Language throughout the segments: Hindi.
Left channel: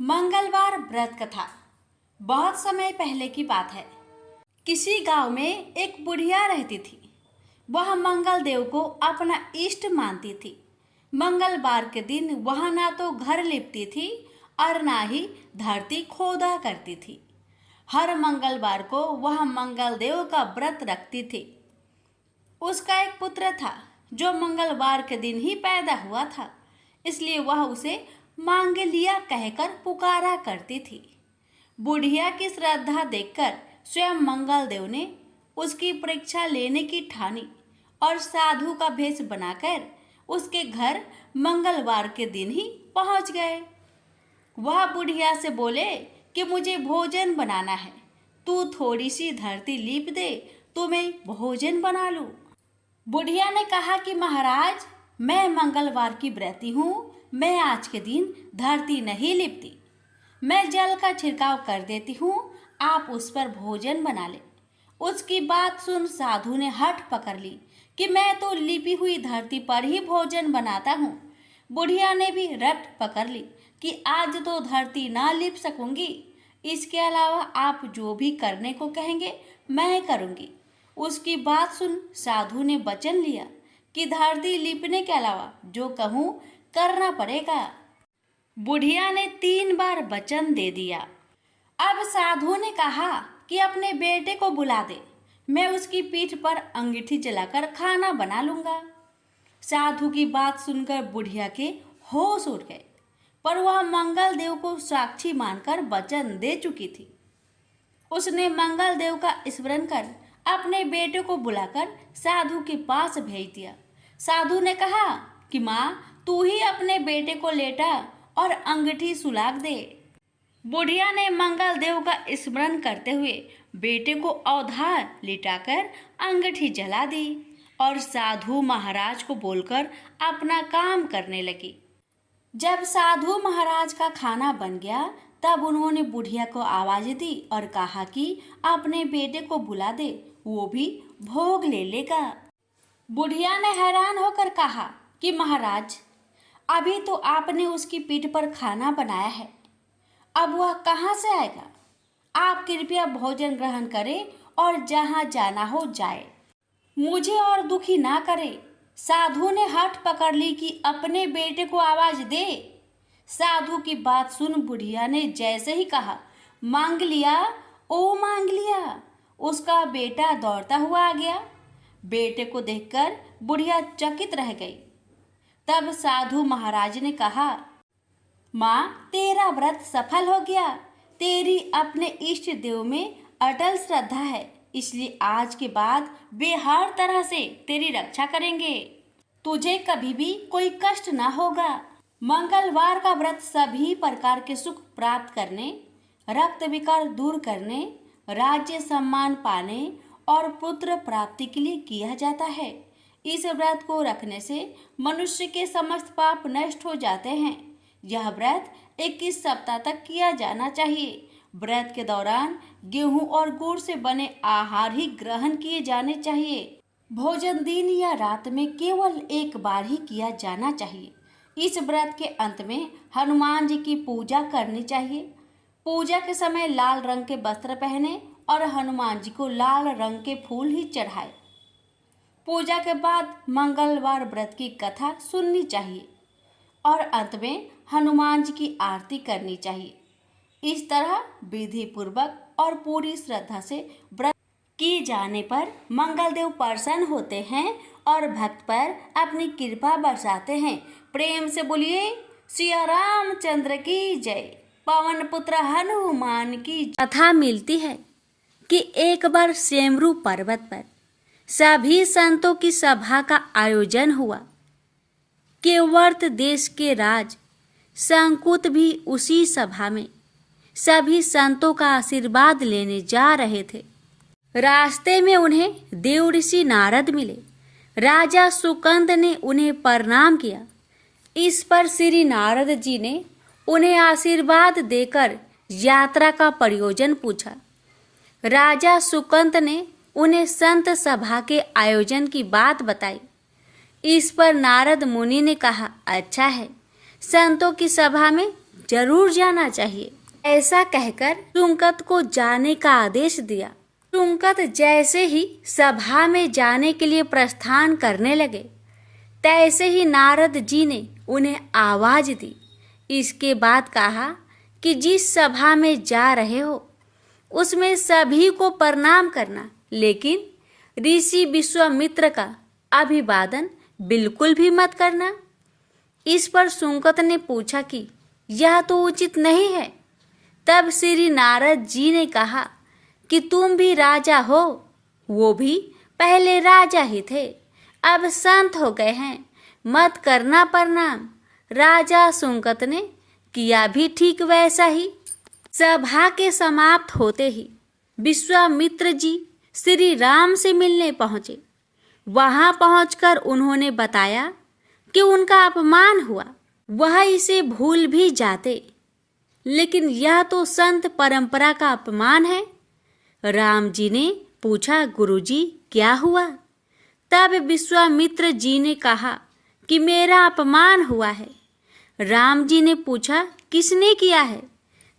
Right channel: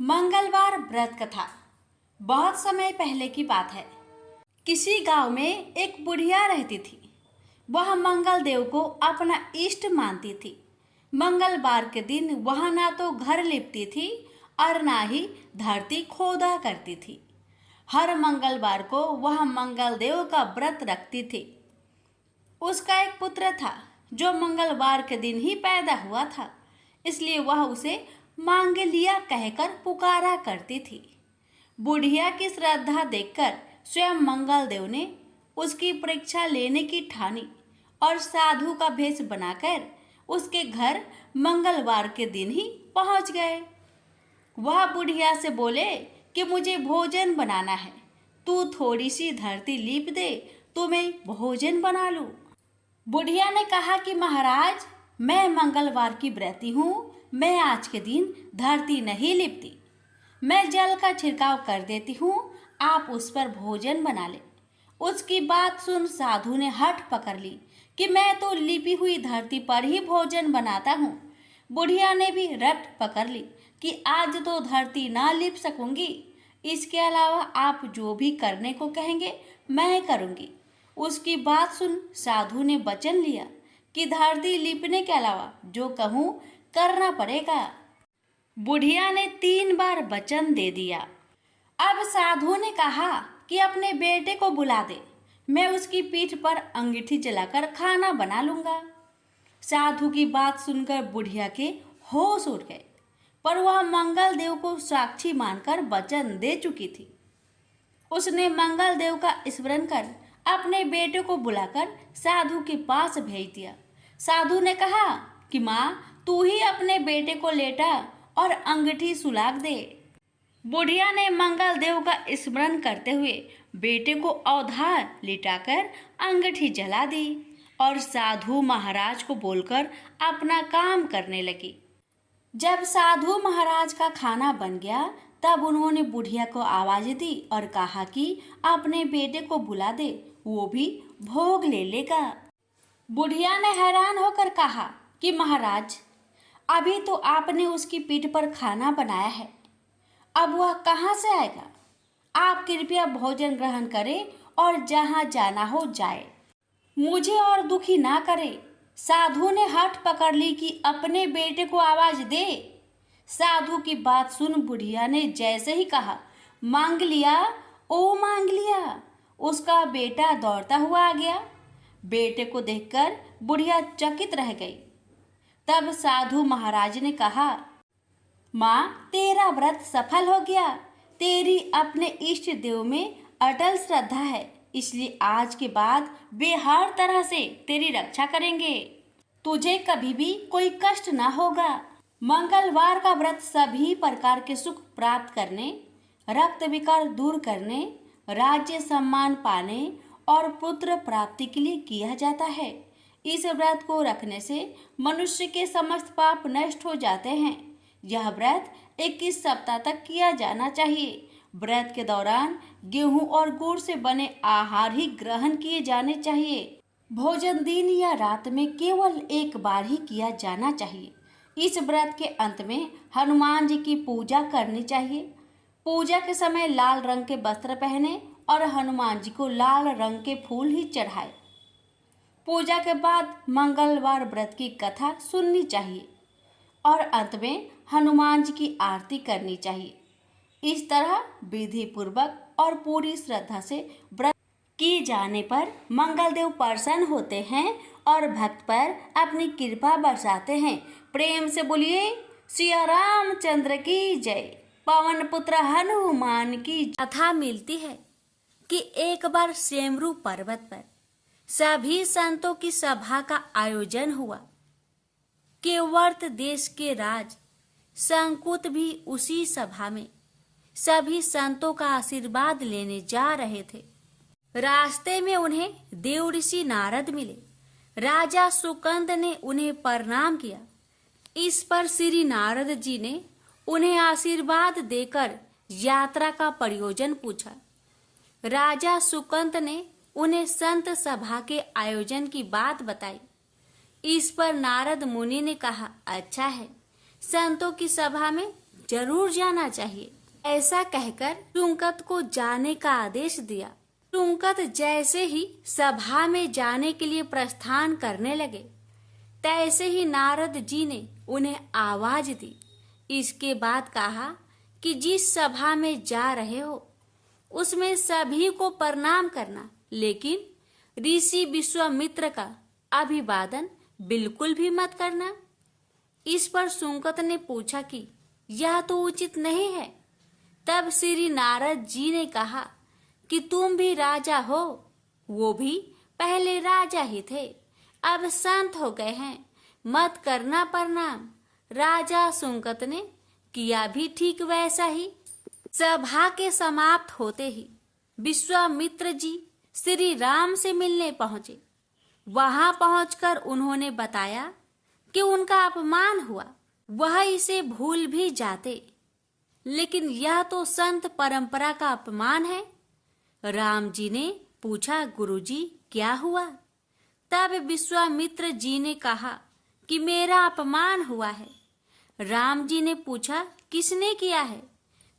मंगलवार व्रत कथा। बहुत समय पहले की बात है। किसी गांव में एक बुढ़िया रहती थी। वह मंगल देव को अपना इष्ट मानती थी। मंगलवार के दिन वह ना तो घर लिपती थी और ना ही धरती खोदा करती थी। हर मंगलवार को वह मंगल देव का व्रत रखती थी। उसका एक पुत्र था जो मंगलवार के दिन ही पैदा हुआ था, इसलिए वह उसे मांगलिया कहकर पुकारा करती थी। बुढ़िया की श्रद्धा देखकर स्वयं मंगल देव ने उसकी परीक्षा लेने की ठानी और साधु का भेष बनाकर उसके घर मंगलवार के दिन ही पहुंच गए। वह बुढ़िया से बोले कि मुझे भोजन बनाना है, तू थोड़ी सी धरती लीप दे तो मैं भोजन बना लूं। बुढ़िया ने कहा कि महाराज, मैं मंगलवार की व्रती हूँ, मैं आज के दिन धरती नहीं लिपती, मैं जल का छिड़काव कर देती हूँ, आप उस पर भोजन बना ले। उसकी बात सुन साधु ने हठ पकड़ ली कि मैं तो लिपी हुई धरती पर ही भोजन बनाता हूँ। बुढ़िया ने भी रट पकड़ ली कि आज तो धरती ना लिप सकूंगी, इसके अलावा आप जो भी करने को कहेंगे मैं करूंगी। उसकी बात सुन साधु ने वचन लिया कि धरती लिपने के अलावा जो कहूँ करना पड़ेगा। बुढ़िया ने 3 बार वचन दे दिया। अब साधु ने कहा कि अपने बेटे को बुला दे, मैं उसकी पीठ पर अंगीठी जलाकर खाना बना लूंगा। साधु की बात सुनकर बुढ़िया के होश उड़ गए, पर वह मंगल देव को साक्षी मानकर वचन दे चुकी थी। उसने मंगल देव का स्मरण कर अपने बेटे को बुलाकर साधु के पास भेज दिया। साधु ने कहा कि माँ, तू ही अपने बेटे को लेटा और अंगूठी सुलाग दे। बुढ़िया ने मंगल देव का स्मरण करते हुए बेटे को अवधार लिटाकर अंगूठी जला दी और साधु महाराज को बोलकर अपना काम करने लगी। जब साधु महाराज का खाना बन गया तब उन्होंने बुढ़िया को आवाज दी और कहा कि अपने बेटे को बुला दे, वो भी भोग ले लेगा। बुढ़िया ने हैरान होकर कहा कि महाराज, अभी तो आपने उसकी पीठ पर खाना बनाया है, अब वह कहाँ से आएगा? आप कृपया भोजन ग्रहण करें और जहाँ जाना हो जाए, मुझे और दुखी ना करे। साधु ने हठ पकड़ ली कि अपने बेटे को आवाज दे। साधु की बात सुन बुढ़िया ने जैसे ही कहा, मांग लिया, ओ मांग लिया, उसका बेटा दौड़ता हुआ आ गया। बेटे को देखकर बुढ़िया चकित रह गई। तब साधु महाराज ने कहा, माँ, तेरा व्रत सफल हो गया, तेरी अपने इष्ट देव में अटल श्रद्धा है, इसलिए आज के बाद वे हर तरह से तेरी रक्षा करेंगे, तुझे कभी भी कोई कष्ट ना होगा। मंगलवार का व्रत सभी प्रकार के सुख प्राप्त करने, रक्त विकार दूर करने, राज्य सम्मान पाने और पुत्र प्राप्ति के लिए किया जाता है। इस व्रत को रखने से मनुष्य के समस्त पाप नष्ट हो जाते हैं। यह व्रत 21 सप्ताह तक किया जाना चाहिए। व्रत के दौरान गेहूं और गुड़ से बने आहार ही ग्रहण किए जाने चाहिए। भोजन दिन या रात में केवल एक बार ही किया जाना चाहिए। इस व्रत के अंत में हनुमान जी की पूजा करनी चाहिए। पूजा के समय लाल रंग के वस्त्र पहने और हनुमान जी को लाल रंग के फूल ही चढ़ाए। पूजा के बाद मंगलवार व्रत की कथा सुननी चाहिए और अंत में हनुमान जी की आरती करनी चाहिए। इस तरह विधि पूर्वक और पूरी श्रद्धा से व्रत की जाने पर मंगल देव प्रसन्न होते हैं और भक्त पर अपनी कृपा बरसाते हैं। प्रेम से बोलिए सिया रामचंद्र की जय। पवन पुत्र हनुमान की कथा मिलती है कि एक बार सेमरू पर्वत पर सभी संतों की सभा का आयोजन हुआ। केवर्त देश के राज संकुत भी उसी सभा में सभी संतों का आशीर्वाद लेने जा रहे थे। रास्ते में उन्हें देव ऋषि नारद मिले। राजा सुकंद ने उन्हें प्रणाम किया। इस पर श्री नारद जी ने उन्हें आशीर्वाद देकर यात्रा का प्रयोजन पूछा। राजा सुकंद ने उन्हें संत सभा के आयोजन की बात बताई। इस पर नारद मुनि ने कहा, अच्छा है, संतों की सभा में जरूर जाना चाहिए। ऐसा कहकर सुंकत को जाने का आदेश दिया। सुंकत जैसे ही सभा में जाने के लिए प्रस्थान करने लगे, तैसे ही नारद जी ने उन्हें आवाज दी। इसके बाद कहा कि जिस सभा में जा रहे हो उसमें सभी को प्रणाम करना, लेकिन ऋषि विश्वामित्र का अभिवादन बिल्कुल भी मत करना। इस पर सुंकत ने पूछा कि यह तो उचित नहीं है। तब श्री नारद जी ने कहा कि तुम भी राजा हो, वो भी पहले राजा ही थे, अब संत हो गए हैं, मत करना प्रणाम। राजा सुंकत ने किया भी ठीक वैसा ही। सभा के समाप्त होते ही विश्वामित्र जी श्री राम से मिलने पहुंचे। वहां पहुंचकर उन्होंने बताया कि उनका अपमान हुआ, वह इसे भूल भी जाते, लेकिन यह तो संत परंपरा का अपमान है। राम जी ने पूछा, गुरुजी क्या हुआ? तब विश्वामित्र जी ने कहा कि मेरा अपमान हुआ है। राम जी ने पूछा, किसने किया है?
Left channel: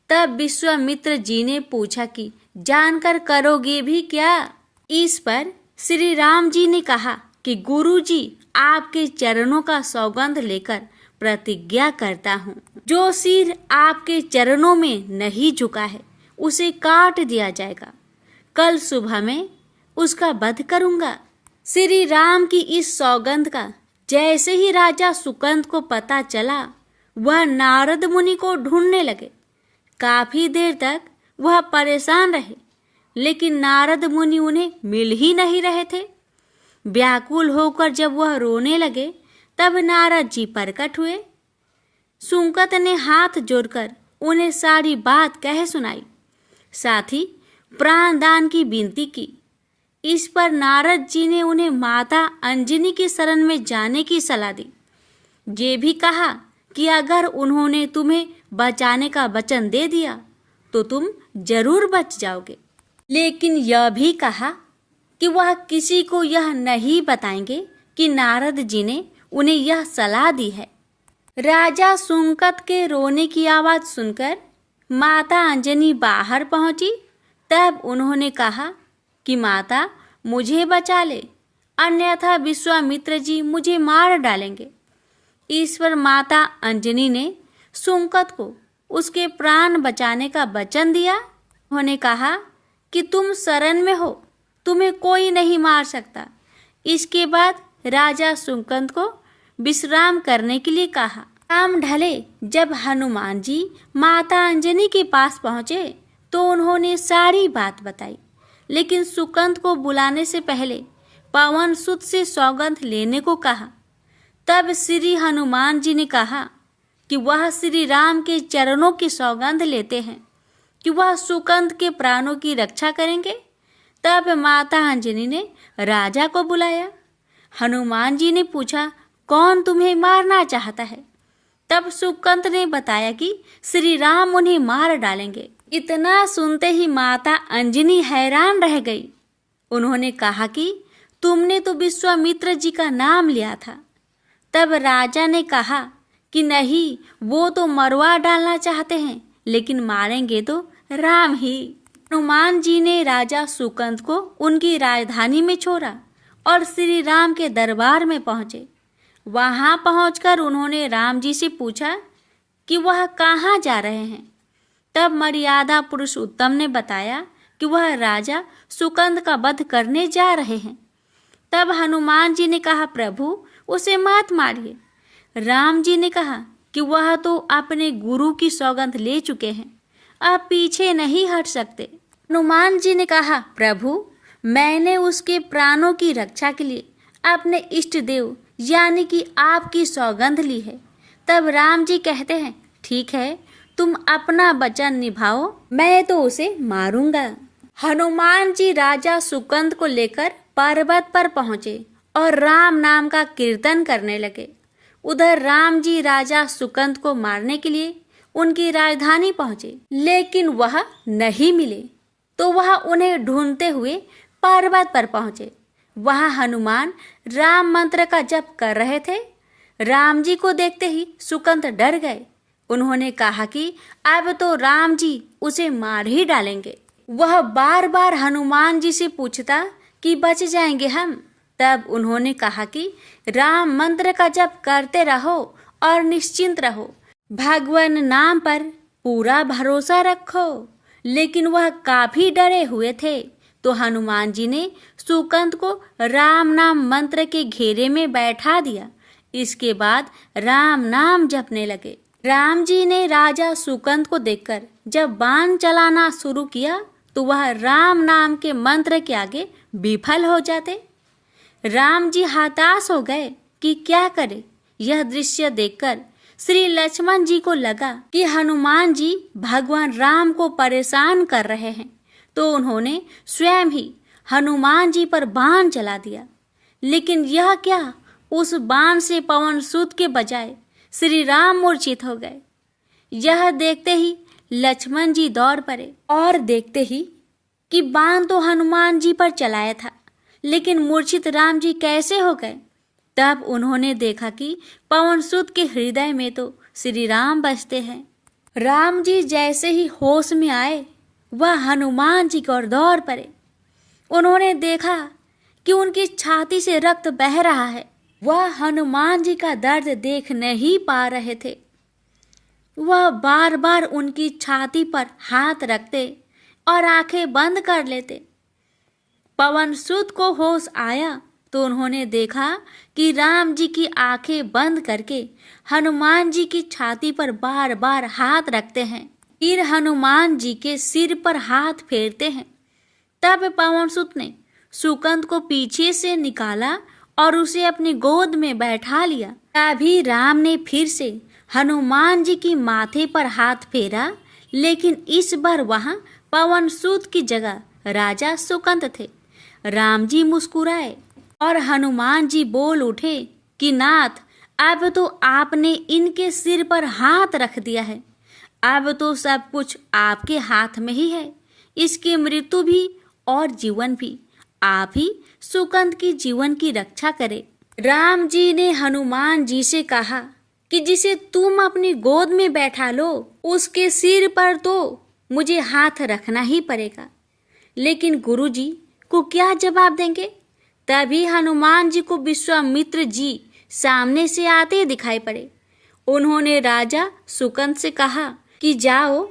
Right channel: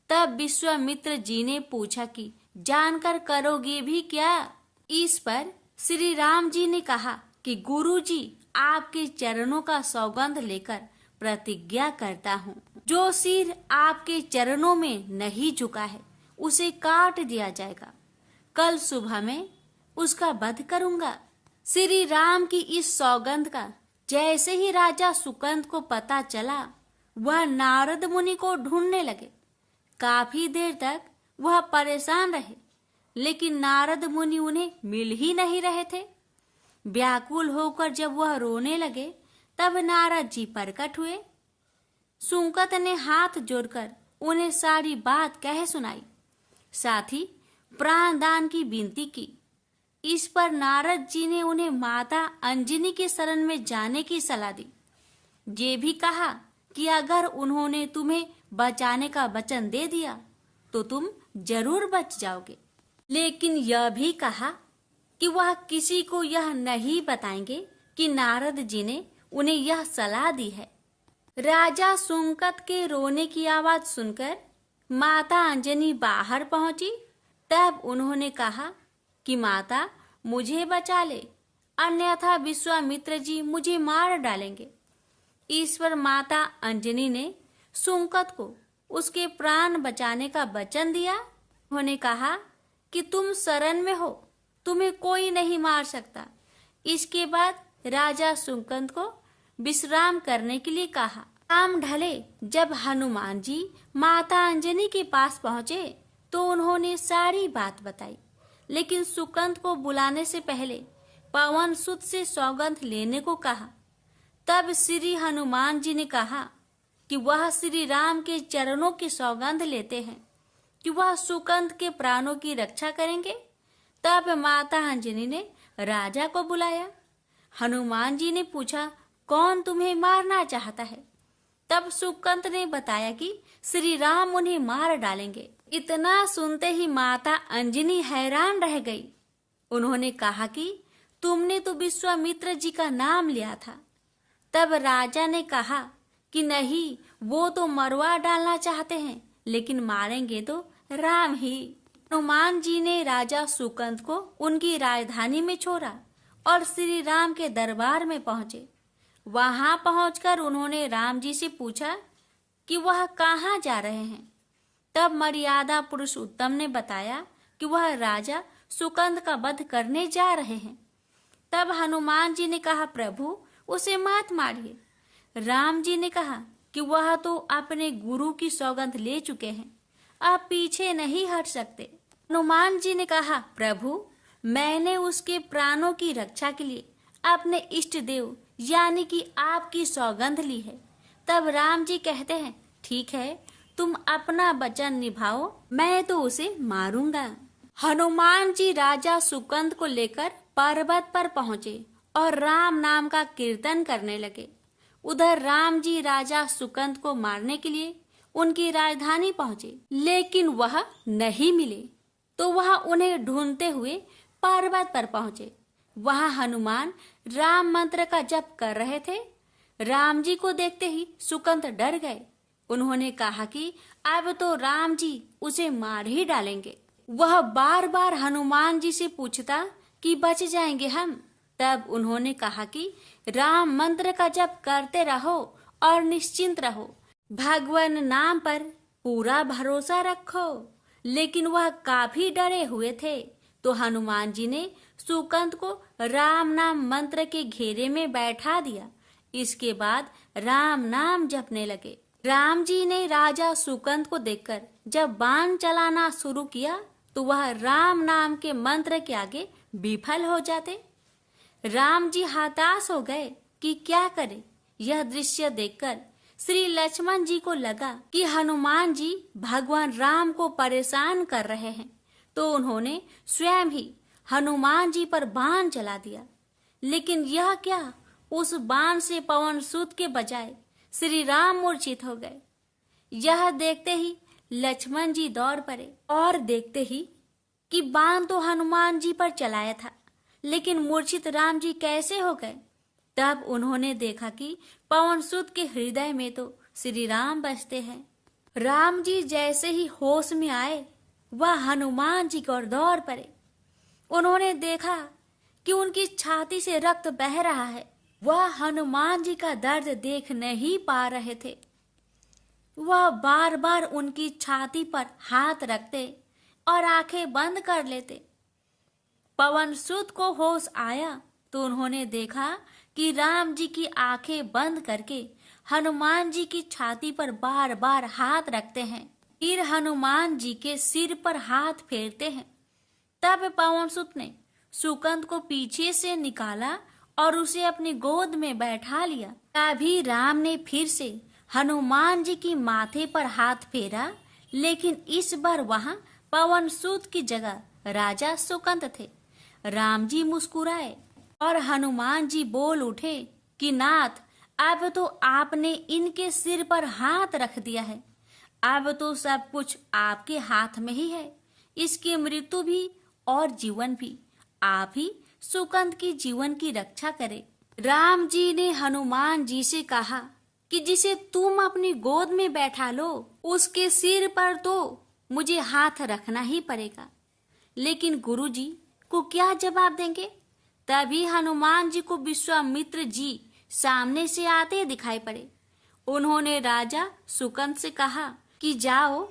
तब विश्वामित्र जी ने पूछा कि जानकर करोगे भी क्या? इस पर श्री राम जी ने कहा कि गुरुजी आपके चरणों का सौगंध लेकर प्रतिज्ञा करता हूँ, जो सिर आपके चरणों में नहीं झुका है उसे काट दिया जाएगा। कल सुबह में उसका वध करूंगा। श्री राम की इस सौगंध का जैसे ही राजा सुकंद को पता चला, वह नारद मुनि को ढूंढने लगे। काफी देर तक वह परेशान रहे, लेकिन नारद मुनि उन्हें मिल ही नहीं रहे थे। व्याकुल होकर जब वह रोने लगे, तब नारद जी प्रकट हुए। सुंकत ने हाथ जोड़कर उन्हें सारी बात कह सुनाई, साथ ही प्राण दान की विनती की। इस पर नारद जी ने उन्हें माता अंजनी के शरण में जाने की सलाह दी। ये भी कहा कि अगर उन्होंने तुम्हें बचाने का वचन दे दिया तो तुम जरूर बच जाओगे, लेकिन यह भी कहा कि वह किसी को यह नहीं बताएंगे कि नारद जी ने उन्हें यह सलाह दी है। राजा सुंकत के रोने की आवाज सुनकर माता अंजनी बाहर पहुंची। तब उन्होंने कहा कि माता मुझे बचा ले, अन्यथा विश्वामित्र जी मुझे मार डालेंगे। इस पर माता अंजनी ने सुंकत को उसके प्राण बचाने का वचन दिया। उन्होंने कहा कि तुम शरण में हो, तुम्हें कोई नहीं मार सकता। इसके बाद राजा सुंकत को विश्राम करने के लिए कहा। शाम ढले जब हनुमान जी माता अंजनी के पास पहुंचे तो उन्होंने सारी बात बताई, लेकिन सुकंद को बुलाने से पहले पवन सुत से सौगंध लेने को कहा। तब श्री हनुमान जी ने कहा कि वह श्री राम के चरणों की सौगंध लेते हैं कि वह सुकंद के प्राणों की रक्षा करेंगे। तब माता अंजनी ने राजा को बुलाया। हनुमान जी ने पूछा, कौन तुम्हें मारना चाहता है? तब सुकंद ने बताया कि श्री राम उन्हें मार डालेंगे। इतना सुनते ही माता अंजनी हैरान रह गई। उन्होंने कहा कि तुमने तो विश्वामित्र जी का नाम लिया था। तब राजा ने कहा कि नहीं, वो तो मरवा डालना चाहते हैं, लेकिन मारेंगे तो राम ही। हनुमान जी ने राजा सुकंद को उनकी राजधानी में छोड़ा और श्री राम के दरबार में पहुंचे। वहां पहुंचकर उन्होंने राम जी से पूछा कि वह कहाँ जा रहे हैं। तब मर्यादा पुरुषोत्तम ने बताया कि वह राजा सुकंद का वध करने जा रहे हैं। तब हनुमान जी ने कहा, प्रभु उसे मत मारिए। राम जी ने कहा कि वह तो अपने गुरु की सौगंध ले चुके हैं, अब पीछे नहीं हट सकते। हनुमान जी ने कहा, प्रभु मैंने उसके प्राणों की रक्षा के लिए अपने इष्ट देव यानी कि आपकी सौगंध ली है। तब राम जी कहते हैं, ठीक है, तुम अपना वचन निभाओ, मैं तो उसे मारूंगा। हनुमान जी राजा सुकंद को लेकर पर्वत पर पहुंचे और राम नाम का कीर्तन करने लगे। उधर राम जी राजा सुकंद को मारने के लिए उनकी राजधानी पहुंचे, लेकिन वह नहीं मिले, तो वह उन्हें ढूंढते हुए पर्वत पर पहुंचे। वहां हनुमान राम मंत्र का जप कर रहे थे। राम जी को देखते ही सुकंद डर गए। उन्होंने कहा कि अब तो राम जी उसे मार ही डालेंगे। वह बार बार हनुमान जी से पूछता कि बच जाएंगे हम। तब उन्होंने कहा कि राम मंत्र का जप करते रहो और निश्चिंत रहो, भगवान नाम पर पूरा भरोसा रखो। लेकिन वह काफी डरे हुए थे, तो हनुमान जी ने सुकंत को राम नाम मंत्र के घेरे में बैठा दिया। इसके बाद राम नाम जपने लगे। राम जी ने राजा सुकंत को देखकर जब बाण चलाना शुरू किया तो वह राम नाम के मंत्र के आगे विफल हो जाते। राम जी हताश हो गए कि क्या करे। यह दृश्य देखकर श्री लक्ष्मण जी को लगा कि हनुमान जी भगवान राम को परेशान कर रहे हैं, तो उन्होंने स्वयं ही हनुमान जी पर बाण चला दिया। लेकिन यह क्या, उस बाण से पवन सूत के बजाय श्री राम मूर्छित हो गए। यह देखते ही लक्ष्मण जी दौड़ पड़े और देखते ही कि बाण तो हनुमान जी पर चलाया था, लेकिन मूर्छित राम जी कैसे हो गए। तब उन्होंने देखा कि पवन सूत के हृदय में तो श्री राम बसते हैं। राम जी जैसे ही होश में आए, वह हनुमान जी की ओर दौड़ पड़े। उन्होंने देखा कि उनकी छाती से रक्त बह रहा है। वह हनुमान जी का दर्द देख नहीं पा रहे थे। वह बार बार उनकी छाती पर हाथ रखते और आंखें बंद कर लेते। पवन सूत को होश आया तो उन्होंने देखा कि राम जी की आंखें बंद करके हनुमान जी की छाती पर बार बार हाथ रखते हैं, फिर हनुमान जी के सिर पर हाथ फेरते हैं। तब पवन सूत ने सुकंत को पीछे से निकाला और उसे अपनी गोद में बैठा लिया। तभी राम ने फिर से हनुमान जी की माथे पर हाथ फेरा, लेकिन इस बार वहां पवन सूत की जगह राजा सुकंत थे। राम जी मुस्कुराए और हनुमान जी बोल उठे कि नाथ, अब तो आपने इनके सिर पर हाथ रख दिया है। अब तो सब कुछ आपके हाथ में ही है। इसकी मृत्यु भी और जीवन भी आप ही सुकंत की जीवन की रक्षा करे। राम जी ने हनुमान जी से कहा कि जिसे तुम अपनी गोद में बैठा लो, उसके सिर पर तो मुझे हाथ रखना ही पड़ेगा। लेकिन गुरु जी को क्या जवाब देंगे। तभी हनुमान जी को विश्वामित्र जी सामने से आते दिखाई पड़े। उन्होंने राजा सुकंत से कहा कि जाओ,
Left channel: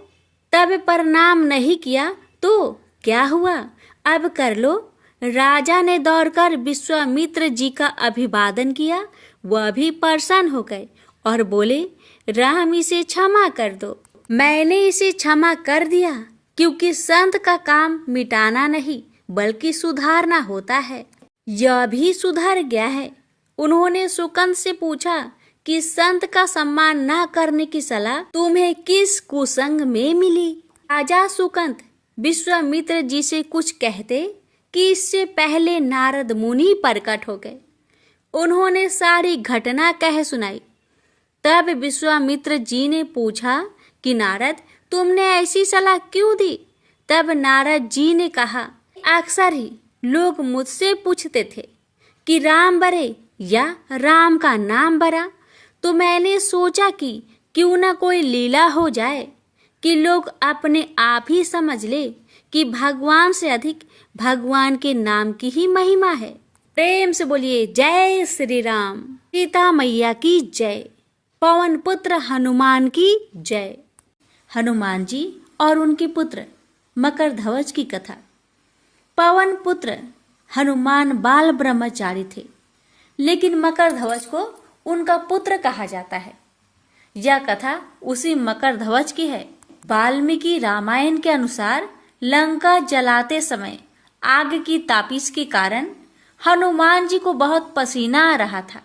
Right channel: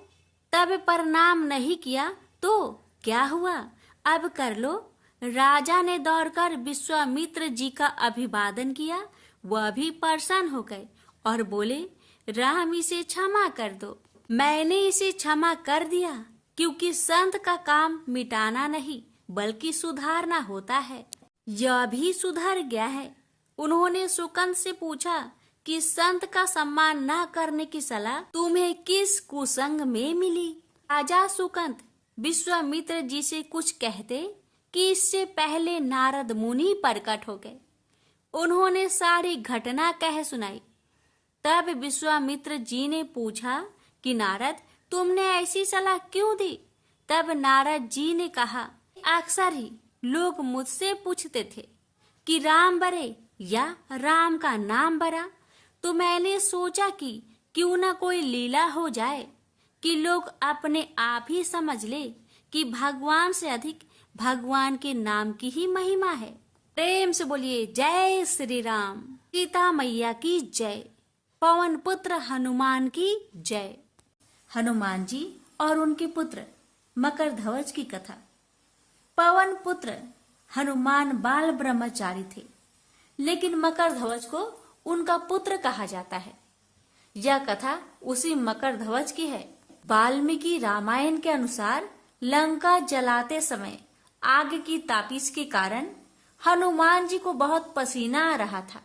तब प्रणाम नहीं किया तो क्या हुआ, अब कर लो। राजा ने दौड़कर विश्वामित्र जी का अभिवादन किया। वह भी प्रसन्न हो गए और बोले, राम इसे क्षमा कर दो। मैंने इसे क्षमा कर दिया, क्योंकि संत का काम मिटाना नहीं बल्कि सुधारना होता है। यह भी सुधर गया है। उन्होंने सुकंत से पूछा कि संत का सम्मान न करने की सलाह तुम्हें किस कुसंग में मिली। राजा सुकंत विश्वामित्र जी से कुछ कहते कि इससे पहले नारद मुनि प्रकट हो गए। उन्होंने सारी घटना कह सुनाई। तब विश्वामित्र जी ने पूछा कि नारद, तुमने ऐसी सलाह क्यों दी। तब नारद जी ने कहा, अक्सर ही लोग मुझसे पूछते थे कि राम बरे या राम का नाम बरा, तो मैंने सोचा कि क्यों न कोई लीला हो जाए कि लोग अपने आप ही समझ ले कि भगवान से अधिक भगवान के नाम की ही महिमा है। प्रेम से बोलिए जय श्री राम। सीता मैया की जय। पवन पुत्र हनुमान की जय। हनुमान जी और उनके पुत्र मकरध्वज की कथा। पवन पुत्र हनुमान बाल ब्रह्मचारी थे, लेकिन मकरध्वज को उनका पुत्र कहा जाता है। यह कथा उसी मकरध्वज की है। वाल्मीकि रामायण के अनुसार लंका जलाते समय आग की तापिश के कारण हनुमान जी को बहुत पसीना आ रहा था।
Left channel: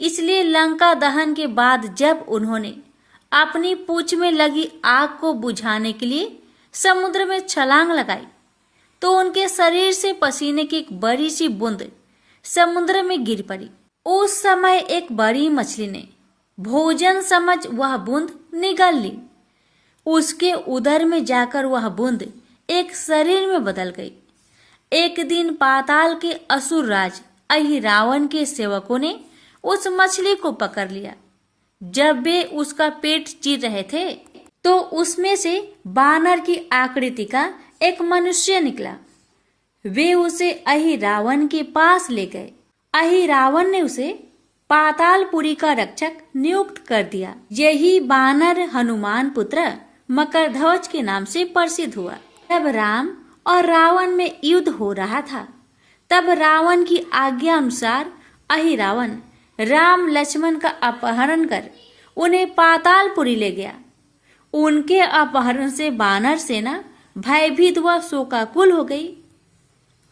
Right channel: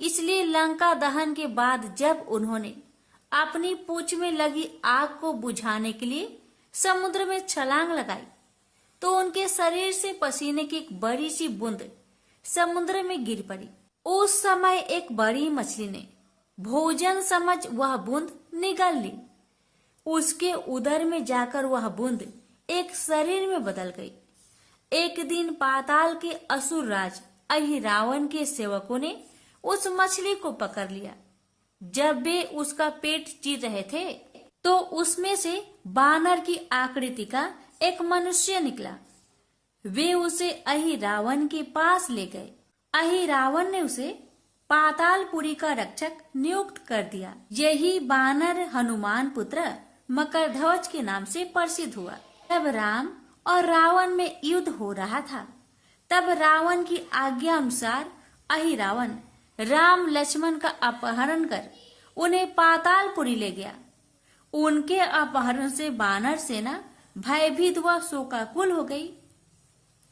इसलिए लंका दहन के बाद जब उन्होंने अपनी पूंछ में लगी आग को बुझाने के लिए समुद्र में छलांग लगाई, तो उनके शरीर से पसीने की एक बड़ी सी बूंद समुद्र में गिर पड़ी। उस समय एक बड़ी मछली ने भोजन समझ वह बूंद निगल ली। उसके उदर में जाकर वह बूंद एक शरीर में बदल गई। एक दिन पाताल के असुर राज अहिरावण के सेवकों ने उस मछली को पकड़ लिया। जब वे उसका पेट चीर रहे थे तो उसमें से बानर की आकृति का एक मनुष्य निकला। वे उसे अहिरावण के पास ले गए। अहिरावण ने उसे पातालपुरी का रक्षक नियुक्त कर दिया। यही बानर हनुमान पुत्र मकरध्वज के नाम से प्रसिद्ध हुआ। तब राम और रावण में युद्ध हो रहा था। तब रावण की आज्ञा अनुसार अहिरावण राम लक्ष्मण का अपहरण कर उन्हें पातालपुरी ले गया। उनके अपहरण से बानर सेना भयभीत व शोकाकुल हो गई।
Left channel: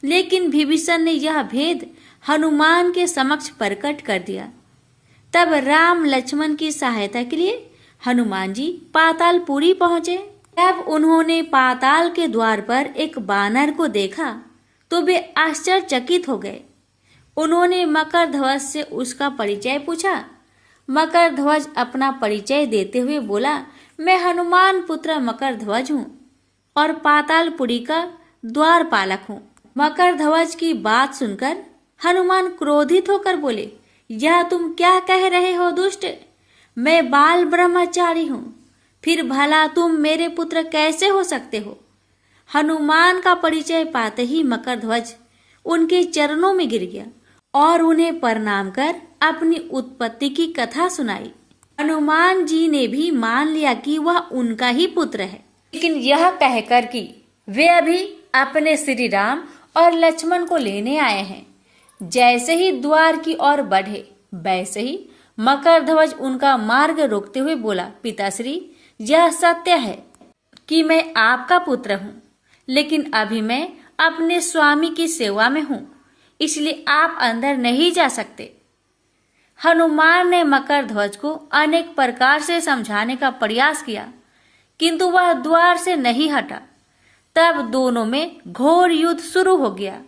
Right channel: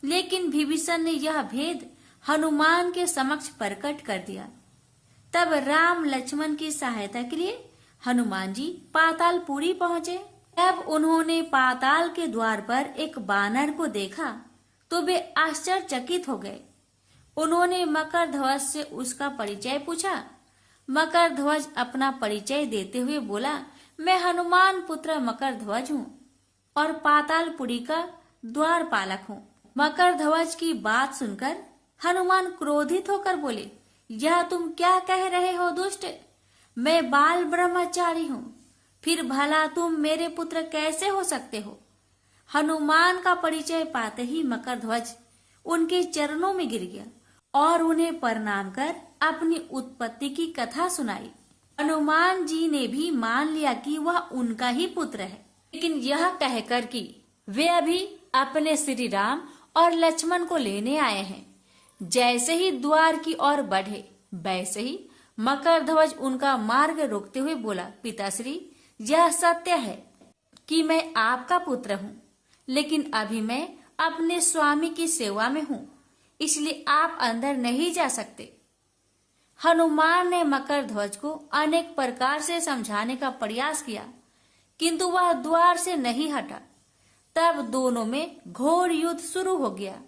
लेकिन विभीषण ने यह भेद हनुमान के समक्ष प्रकट कर दिया। तब राम लक्ष्मण की सहायता के लिए हनुमान जी पातालपुरी पहुंचे। तब उन्होंने पाताल के द्वार पर एक बानर को देखा तो वे आश्चर्यचकित हो गए। उन्होंने मकरध्वज से उसका परिचय पूछा। मकरध्वज अपना परिचय देते हुए बोला, मैं हनुमान पुत्र मकरध्वज हूँ और पातालपुरी का द्वारपालक हूँ। मकरध्वज की बात सुनकर हनुमान क्रोधित होकर बोले, यह तुम क्या कह रहे हो दुष्ट? मैं बाल ब्रह्मचारी हूँ, फिर भला तुम मेरे पुत्र कैसे हो सकते हो? हनुमान का परिचय पाते ही मकरध्वज उनके चरणों में गिर गया और उन्हें प्रणाम कर अपनी उत्पत्ति की कथा सुनाई। हनुमान जी ने भी मान लिया कि वह उनका ही पुत्र है, लेकिन यह कहकर कि वे अभी अपने श्री राम और लक्ष्मण को लेने आए हैं। जैसे ही द्वार की ओर बढ़े वैसे ही मकरध्वज उनका मार्ग रोकते हुए बोला, पिताश्री, यह सत्य है कि मैं आपका पुत्र हूँ, लेकिन अभी मैं अपने स्वामी की सेवा में हूँ, इसलिए आप अंदर नहीं जा सकते। हनुमान ने मकरध्वज को अनेक प्रकार से समझाने का प्रयास किया, किंतु वह द्वार से नहीं हटा। तब दोनों में घोर युद्ध शुरू हो गया।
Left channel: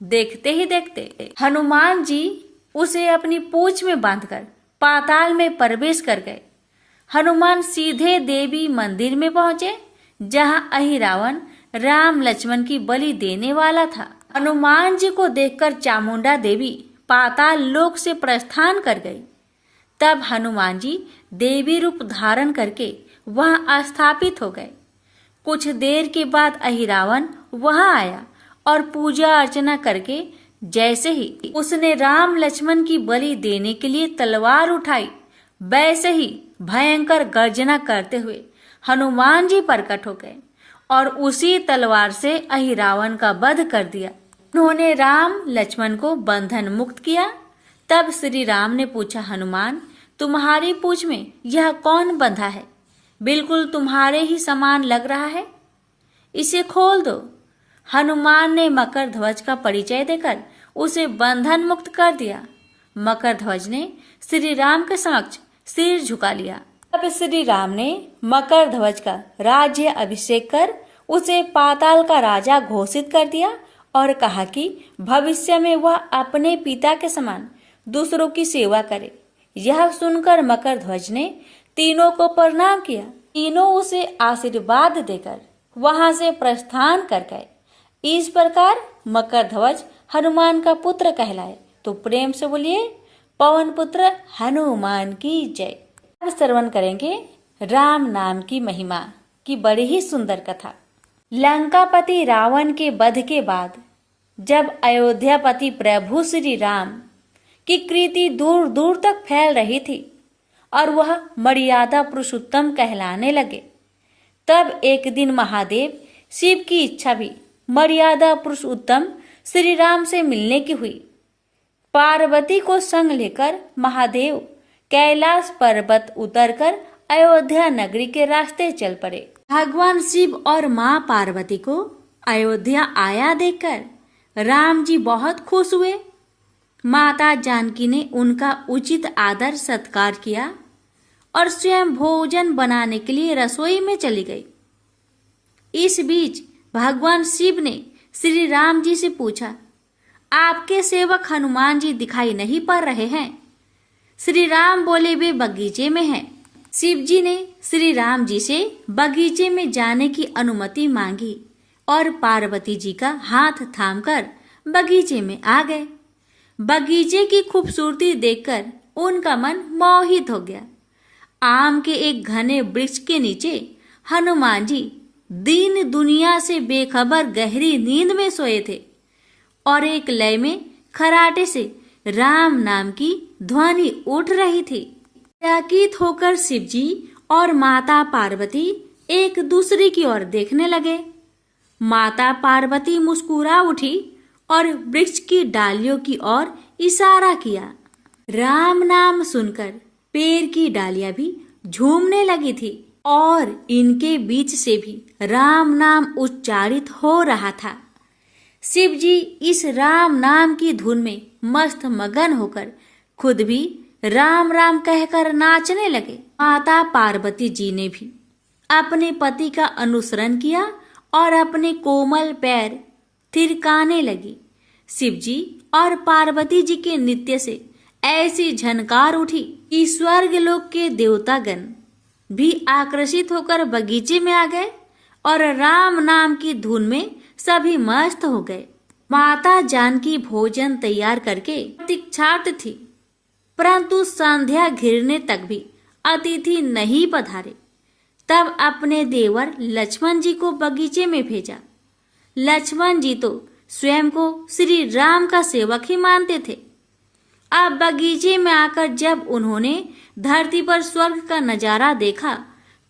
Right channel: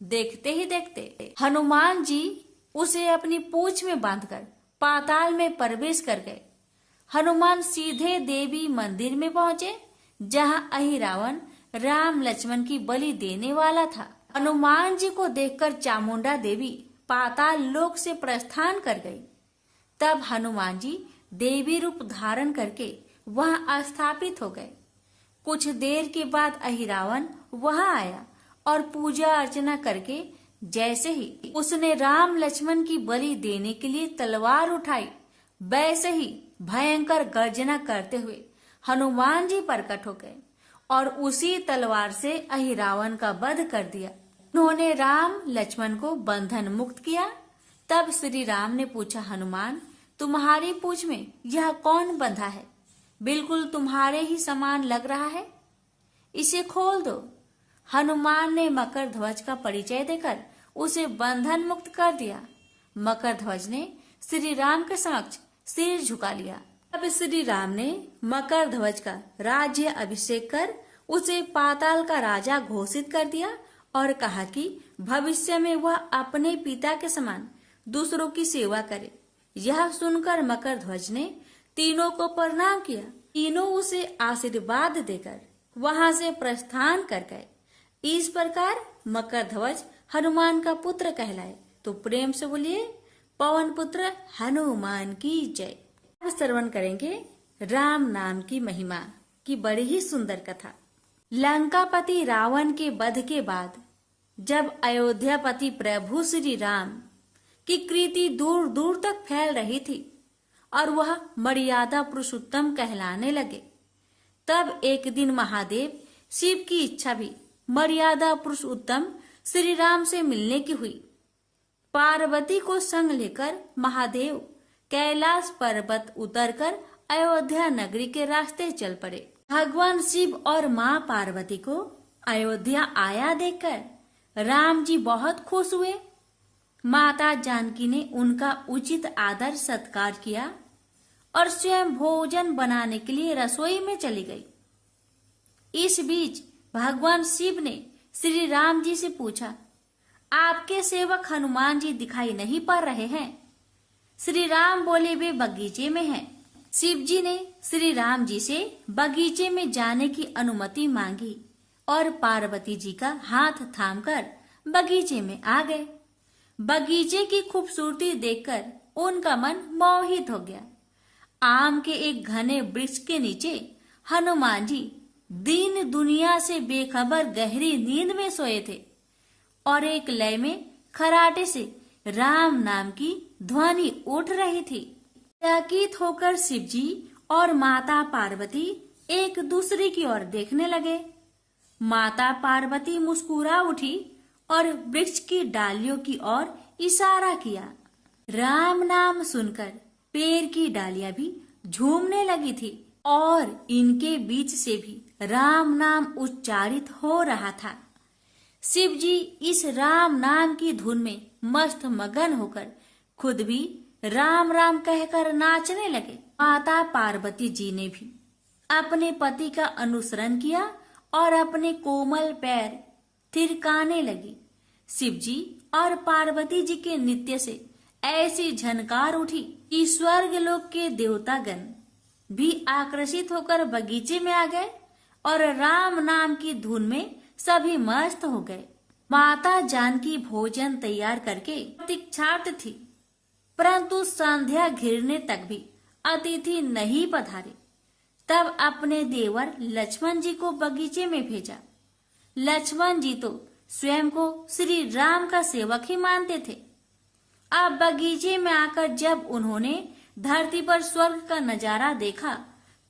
देखते ही देखते हनुमान जी उसे अपनी पूंछ में बांधकर पाताल में प्रवेश कर गए। हनुमान सीधे देवी मंदिर में पहुंचे, जहां अहिरावण राम लक्ष्मण की बलि देने वाला था। हनुमान जी को देखकर चामुंडा देवी पाताल लोक से प्रस्थान कर गई। तब हनुमान जी देवी रूप धारण करके वहां स्थापित हो गए। कुछ देर के बाद अहिरावण वहां आया और पूजा अर्चना करके जैसे ही उसने राम लक्ष्मण की बलि देने के लिए तलवार उठाई, वैसे ही भयंकर गर्जना करते हुए हनुमान जी प्रकट हो गए और उसी तलवार से अहिरावण का वध कर दिया। उन्होंने राम लक्ष्मण को बंधन मुक्त किया। तब श्री राम ने पूछा, हनुमान, तुम्हारी पूंछ में यह कौन बंधा है? बिल्कुल तुम्हारे ही समान लग रहा है, इसे खोल दो। हनुमान ने मकरध्वज का परिचय देकर उसे बंधन मुक्त कर दिया। मकरध्वज ने श्री राम के समक्ष सिर झुका लिया। तब श्री राम ने मकरध्वज का राज्य अभिषेक कर उसे पाताल का राजा घोषित कर दिया और कहा कि भविष्य में वह अपने पिता के समान दूसरों की सेवा करे। यह सुनकर मकरध्वज ने तीनों को प्रणाम किया। तीनों उसे आशीर्वाद देकर वहां से प्रस्थान कर गए। इस प्रकार मकरध्वज हनुमान का पुत्र कहलाए। तो प्रेम से बोलिए, पवन पुत्र हनुमान की जय। अब श्रवण करेंगे राम नाम की महिमा की बड़ी ही सुंदर कथा। लंकापति रावण के वध के बाद जब अयोध्यापति प्रभु श्री राम की कीर्ति दूर दूर तक फैल रही थी और वह मर्यादा पुरुषोत्तम कहलाने लगे, तब एक दिन महादेव शिव की इच्छा भी मर्यादा पुरुषोत्तम श्री राम से मिलने की हुई। पार्वती को संग लेकर महादेव कैलाश पर्वत उतरकर अयोध्या नगरी के रास्ते चल पड़े। भगवान शिव और माँ पार्वती को अयोध्या आया देखकर राम जी बहुत खुश हुए। माता जानकी ने उनका उचित आदर सत्कार किया और स्वयं भोजन बनाने के लिए रसोई में चली गई। इस बीच भगवान शिव ने श्री राम जी से पूछा, आपके सेवक हनुमान जी दिखाई नहीं पड़ रहे हैं? श्री राम बोले, वे बगीचे में हैं। शिव जी ने श्री राम जी से बगीचे में जाने की अनुमति मांगी और पार्वती जी का हाथ थामकर बगीचे में आ गए। बगीचे की खूबसूरती देखकर उनका मन मोहित हो गया। आम के एक घने वृक्ष के नीचे हनुमान जी दीन दुनिया से बेखबर गहरी नींद में सोए थे और एक लय में खराटे से राम नाम की ध्वनि उठ रही थी। चकित होकर शिवजी और माता पार्वती एक दूसरे की ओर देखने लगे। माता पार्वती मुस्कुरा उठी और वृक्ष की डालियों की ओर इशारा किया। राम नाम सुनकर पेड़ की डालियां भी झूमने लगी थी और इनके बीच से भी राम नाम उच्चारित हो रहा था। शिवजी इस राम नाम की धुन में मस्त मगन होकर खुद भी राम राम कहकर नाचने लगे। माता पार्वती जी ने भी अपने पति का अनुसरण किया और अपने कोमल पैर थिरकाने लगी। शिवजी और पार्वती जी के नृत्य से ऐसी झनकार उठी कि स्वर्ग लोक के देवतागण भी आकर्षित होकर बगीचे में आ गए और राम नाम की धुन में सभी मस्त हो गए। माता जानकी भोजन तैयार करके प्रतीक्षारत थी, परंतु संध्या घिरने तक भी अतिथि नहीं पधारे। तब अपने देवर लक्ष्मण जी को बगीचे में भेजा। लक्ष्मण जी तो स्वयं को श्री राम का सेवक ही मानते थे। अब बगीचे में आकर जब उन्होंने धरती पर स्वर्ग का नजारा देखा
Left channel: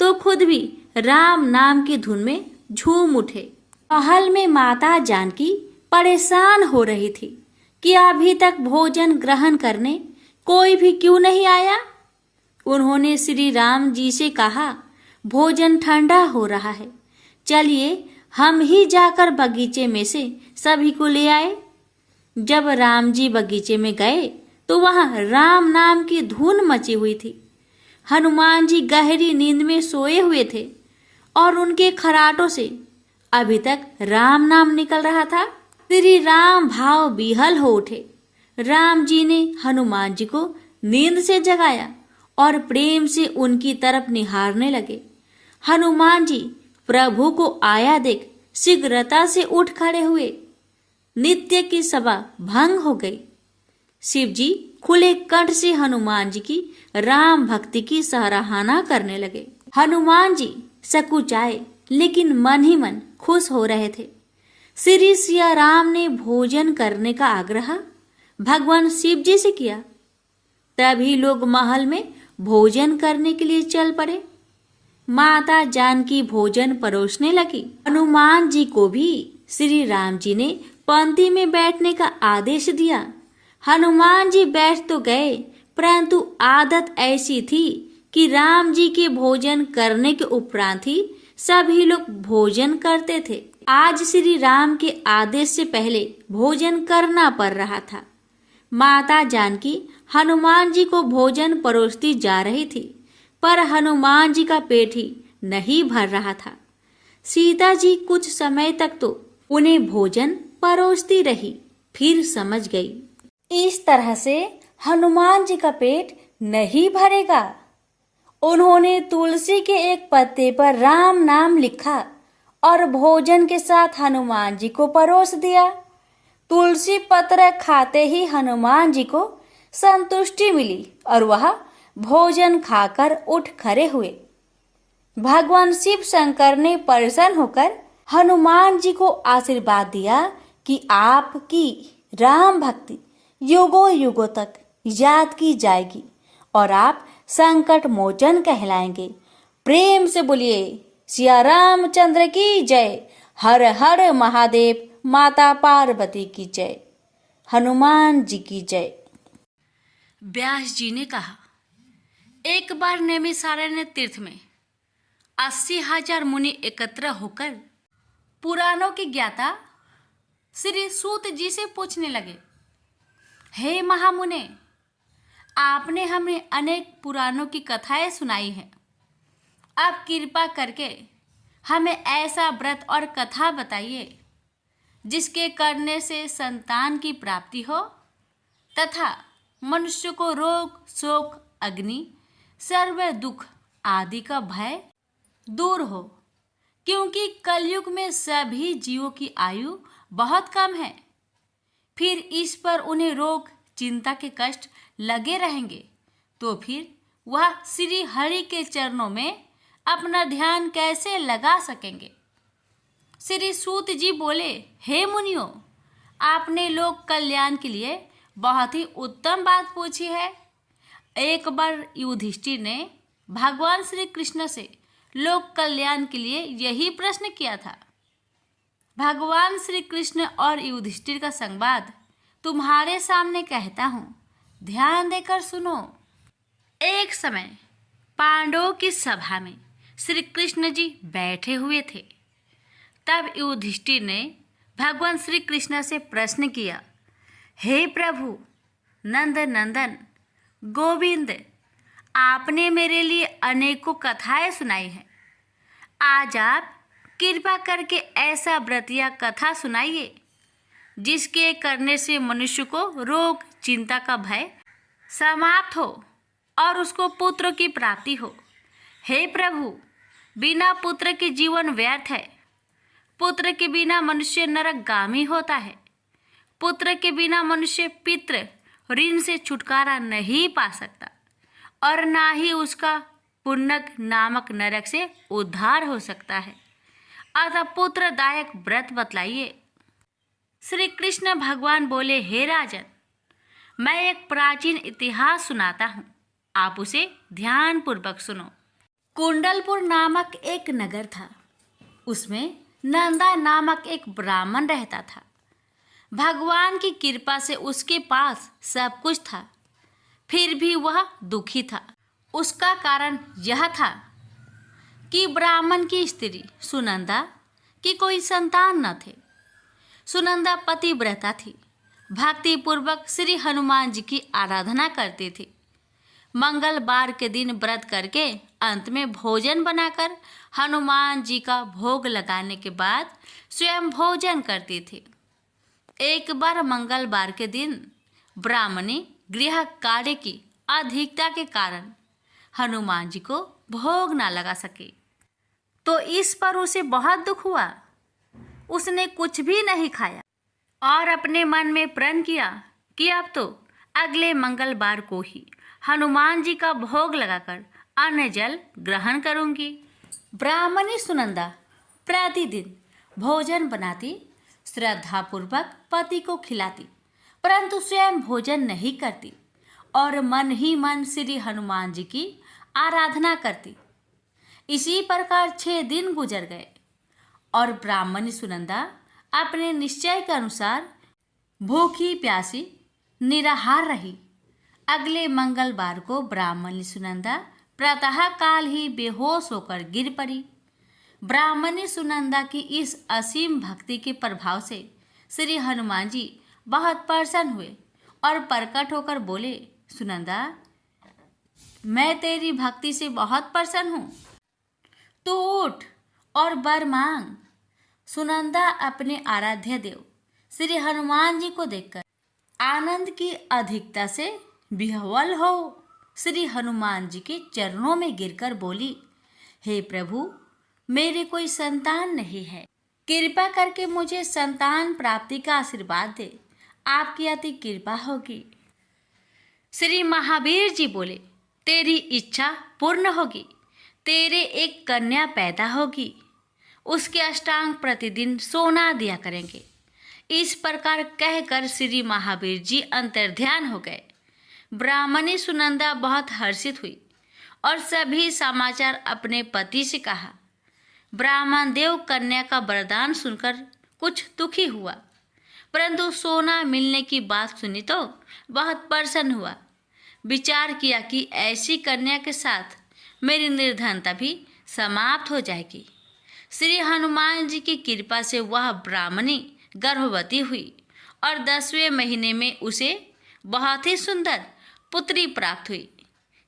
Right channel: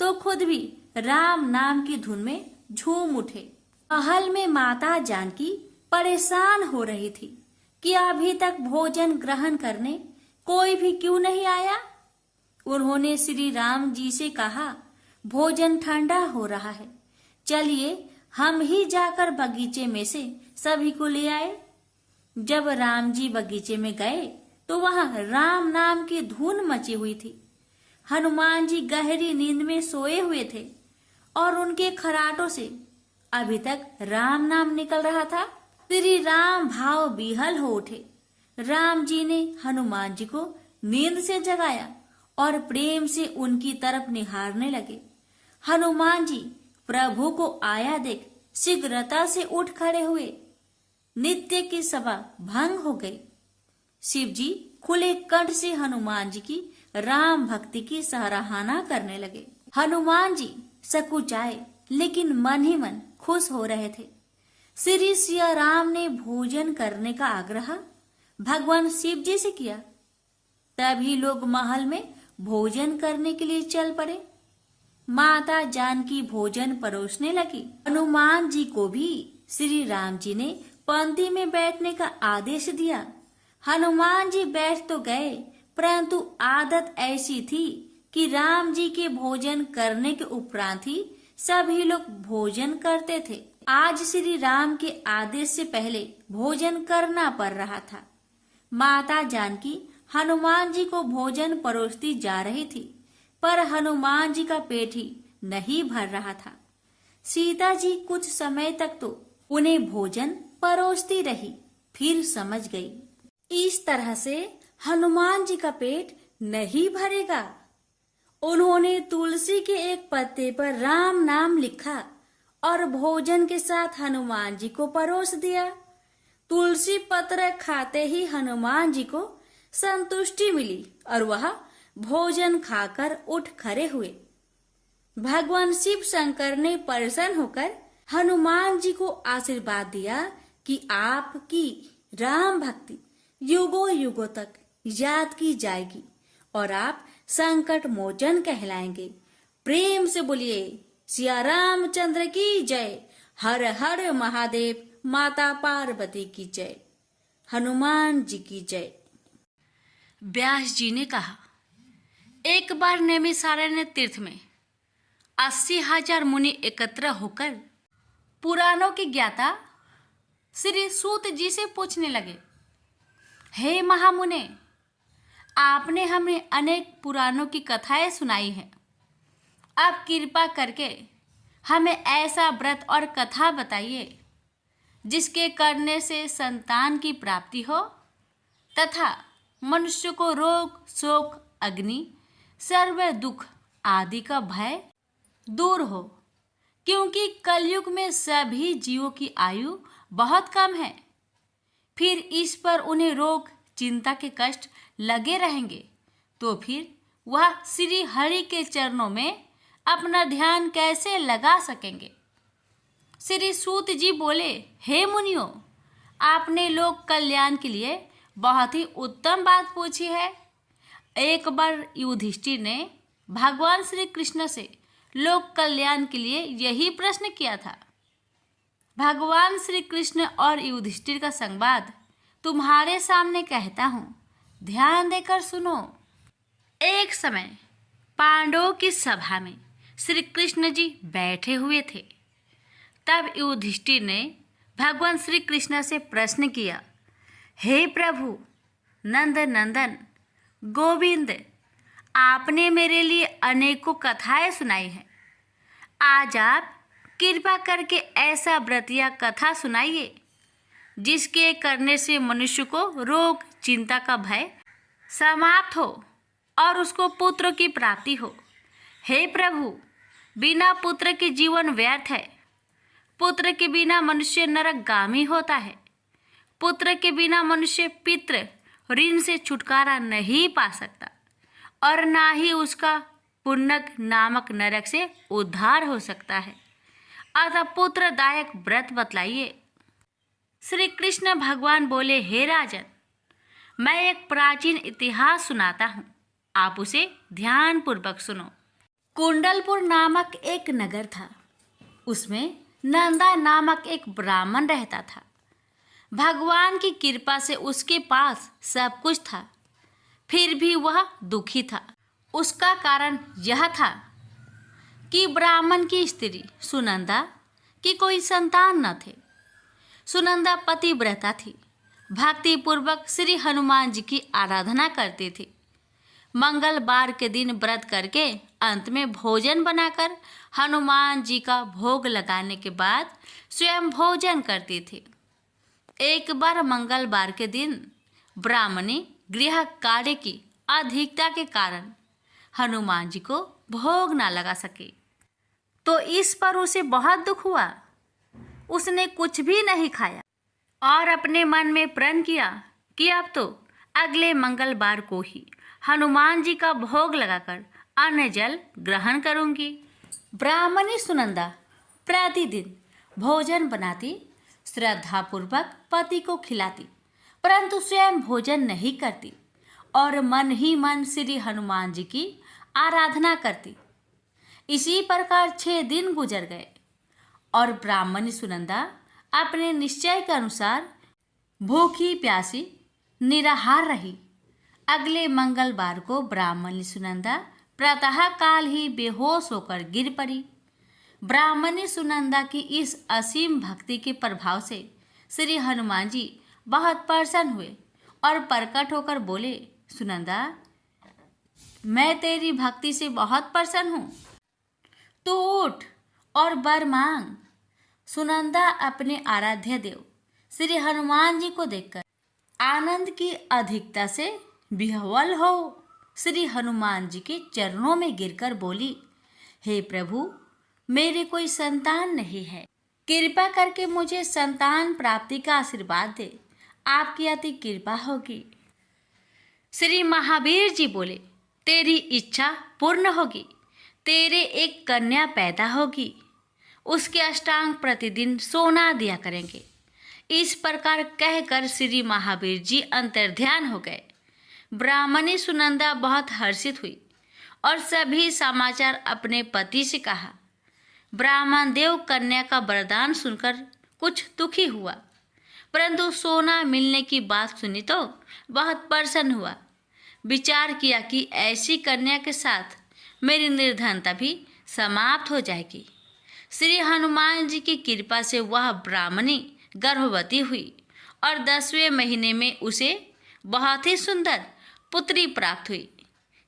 तो खुद भी राम नाम की धुन में झूम उठे। महल में माता जानकी परेशान हो रही थी कि अभी तक भोजन ग्रहण करने कोई भी क्यों नहीं आया। उन्होंने श्री राम जी से कहा, भोजन ठंडा हो रहा है, चलिए हम ही जाकर बगीचे में से सभी को ले आए। जब राम जी बगीचे में गए तो वहां राम नाम की धुन मची हुई थी। हनुमान जी गहरी नींद में सोए हुए थे और उनके खराटों से अभी तक राम नाम निकल रहा था। श्री राम भाव विहल हो उठे। राम जी ने हनुमान जी को नींद से जगाया और प्रेम से उनकी तरफ निहारने लगे। हनुमान जी प्रभु को आया देख शीघ्रता से उठ खड़े हुए। नित्य की सभा भंग हो गई। शिव जी खुले कंठ से हनुमान जी की राम भक्ति की सराहना करने लगे। हनुमान जी सकुचाए लेकिन मन ही मन खुश हो रहे थे। श्री सिया राम ने भोजन करने का आग्रह भगवान शिव जी से किया। तभी लोग महल में भोजन करने के लिए चल पड़े। माता जानकी भोजन परोसने लगी। हनुमान जी को भी श्री राम जी ने पंक्ति में बैठने का आदेश दिया। हनुमान जी बैठ तो गए, परंतु आदत ऐसी थी कि राम जी के भोजन करने के उपरांत ही सभी लोग भोजन करते थे। आज श्री राम के आदेश से पहले भोजन करना पड़ रहा था। माता जानकी हनुमान जी को भोजन परोसती जा रही थी, पर हनुमान जी का पेट ही नहीं भर रहा था। सीता जी कुछ समय तक तो उन्हें भोजन परोसती रही, फिर समझ गई इस तरह से हनुमान जी का पेट नहीं भरेगा। उन्होंने तुलसी के एक पत्ते पर राम नाम लिखा और भोजन के साथ हनुमान जी को परोस दिया। तुलसी पत्र खाते ही हनुमान जी को संतुष्टि मिली और वह भोजन खाकर उठ खड़े हुए। भगवान शिव शंकर ने प्रसन्न होकर हनुमान जी को आशीर्वाद दिया कि आपकी राम भक्ति युगों युगों तक याद की जाएगी और आप संकट मोचन कहलाएंगे। प्रेम से बोलिए सिया रामचंद्र की जय। हर हर महादेव। माता पार्वती की जय। हनुमान जी की जय। व्यास जी ने कहा, एक बार नैमिषारण्य तीर्थ में 80,000 मुनि एकत्र होकर पुराणों के ज्ञाता श्री सूत जी से पूछने लगे, हे महामुने, आपने हमें अनेक पुराणों की कथाएं सुनाई हैं। आप कृपा करके हमें ऐसा व्रत और कथा बताइए जिसके करने से संतान की प्राप्ति हो तथा मनुष्य को रोग शोक अग्नि सर्व दुख आदि का भय दूर हो, क्योंकि कलयुग में सभी जीवों की आयु बहुत कम है। फिर इस पर उन्हें रोग चिंता के कष्ट लगे रहेंगे, तो फिर वह श्री हरि के चरणों में अपना ध्यान कैसे लगा सकेंगे। श्री सूत जी बोले, हे मुनियों, आपने लोक कल्याण के लिए बहुत ही उत्तम बात पूछी है। एक बार युधिष्ठिर ने भगवान श्री कृष्ण से लोक कल्याण के लिए यही प्रश्न किया था। भगवान श्री कृष्ण और युधिष्ठिर का संवाद तुम्हारे सामने कहता हूँ, ध्यान देकर सुनो। एक समय पांडवों की सभा में श्री कृष्ण जी बैठे हुए थे। तब युधिष्ठिर ने भगवान श्री कृष्ण से प्रश्न किया, हे प्रभु, नंद नंदन, गोविंद, आपने मेरे लिए अनेकों कथाएं सुनाई हैं। आज आप कृपा करके ऐसा व्रत या कथा सुनाइए जिसके करने से मनुष्य को रोग चिंता का भय समाप्त हो और उसको पुत्र की प्राप्ति हो। हे प्रभु, बिना पुत्र के जीवन व्यर्थ है। पुत्र के बिना मनुष्य नरकगामी होता है। पुत्र के बिना मनुष्य पितृ ऋण से छुटकारा नहीं पा सकता और ना ही उसका पुण्यक नामक नरक से उद्धार हो सकता है। अतः पुत्रदायक व्रत बतलाइए। श्री कृष्ण भगवान बोले, हे राजन, मैं एक प्राचीन इतिहास सुनाता हूँ, आप उसे ध्यान पूर्वक सुनो। कुंडलपुर नामक एक नगर था। उसमें नंदा नामक एक ब्राह्मण रहता था। भगवान की कृपा से उसके पास सब कुछ था, फिर भी वह दुखी था। उसका कारण यह था कि ब्राह्मण की स्त्री सुनंदा की कोई संतान न थे। सुनंदा पतिव्रता थी, भक्तिपूर्वक श्री हनुमान जी की आराधना करती थी। मंगलवार के दिन व्रत करके अंत में भोजन बनाकर हनुमान जी का भोग लगाने के बाद स्वयं भोजन करती थी। एक बार मंगलवार के दिन ब्राह्मणी गृह कार्य की अधिकता के कारण हनुमान जी को भोग ना लगा सके, तो इस पर उसे बहुत दुख हुआ। उसने कुछ भी नहीं खाया और अपने मन में प्रण किया कि अब तो अगले मंगलवार को ही हनुमान जी का भोग लगाकर अन्न जल ग्रहण करूंगी। ब्राह्मणी सुनंदा प्रतिदिन भोजन बनाती, श्रद्धापूर्वक पति को खिलाती, परंतु स्वयं भोजन नहीं करती और मन ही मन श्री हनुमान जी की आराधना करती। इसी प्रकार 6 दिन गुजर गए और ब्राह्मणी सुनंदा अपने निश्चय के अनुसार भूखी प्यासी निराहार रही। अगले मंगलवार को ब्राह्मणी सुनंदा प्रातः काल ही बेहोश होकर गिर पड़ी। ब्राह्मणी सुनंदा की इस असीम भक्ति के प्रभाव से श्री हनुमान जी बहुत प्रसन्न हुए और प्रकट होकर बोले, सुनंदा, मैं तेरी भक्ति से बहुत प्रसन्न हूँ, तू उठ और वर मांग। सुनंदा अपने आराध्य देव श्री हनुमान जी को देखकर आनंद की अधिकता से विह्वल हो श्री हनुमान जी के चरणों में गिरकर बोली, हे प्रभु, मेरे कोई संतान नहीं है, कृपा करके मुझे संतान प्राप्ति का आशीर्वाद दे, आपकी अति कृपा होगी। श्री महावीर जी बोले, तेरी इच्छा पूर्ण होगी, तेरे एक कन्या पैदा होगी, उसके अष्टांग प्रतिदिन सोना दिया करेंगे। इस प्रकार कहकर श्री महावीर जी अंतर्ध्यान हो गए। ब्राह्मणी सुनंदा बहुत हर्षित हुई और सभी समाचार अपने पति से कहा। ब्राह्मण देव कन्या का वरदान सुनकर कुछ दुखी हुआ, परंतु सोना मिलने की बात सुनी तो बहुत प्रसन्न हुआ। विचार किया कि ऐसी कन्या के साथ मेरी निर्धनता भी समाप्त हो जाएगी। श्री हनुमान जी की कृपा से वह ब्राह्मणी गर्भवती हुई और 10वें महीने में उसे बहुत ही सुंदर पुत्री प्राप्त हुई।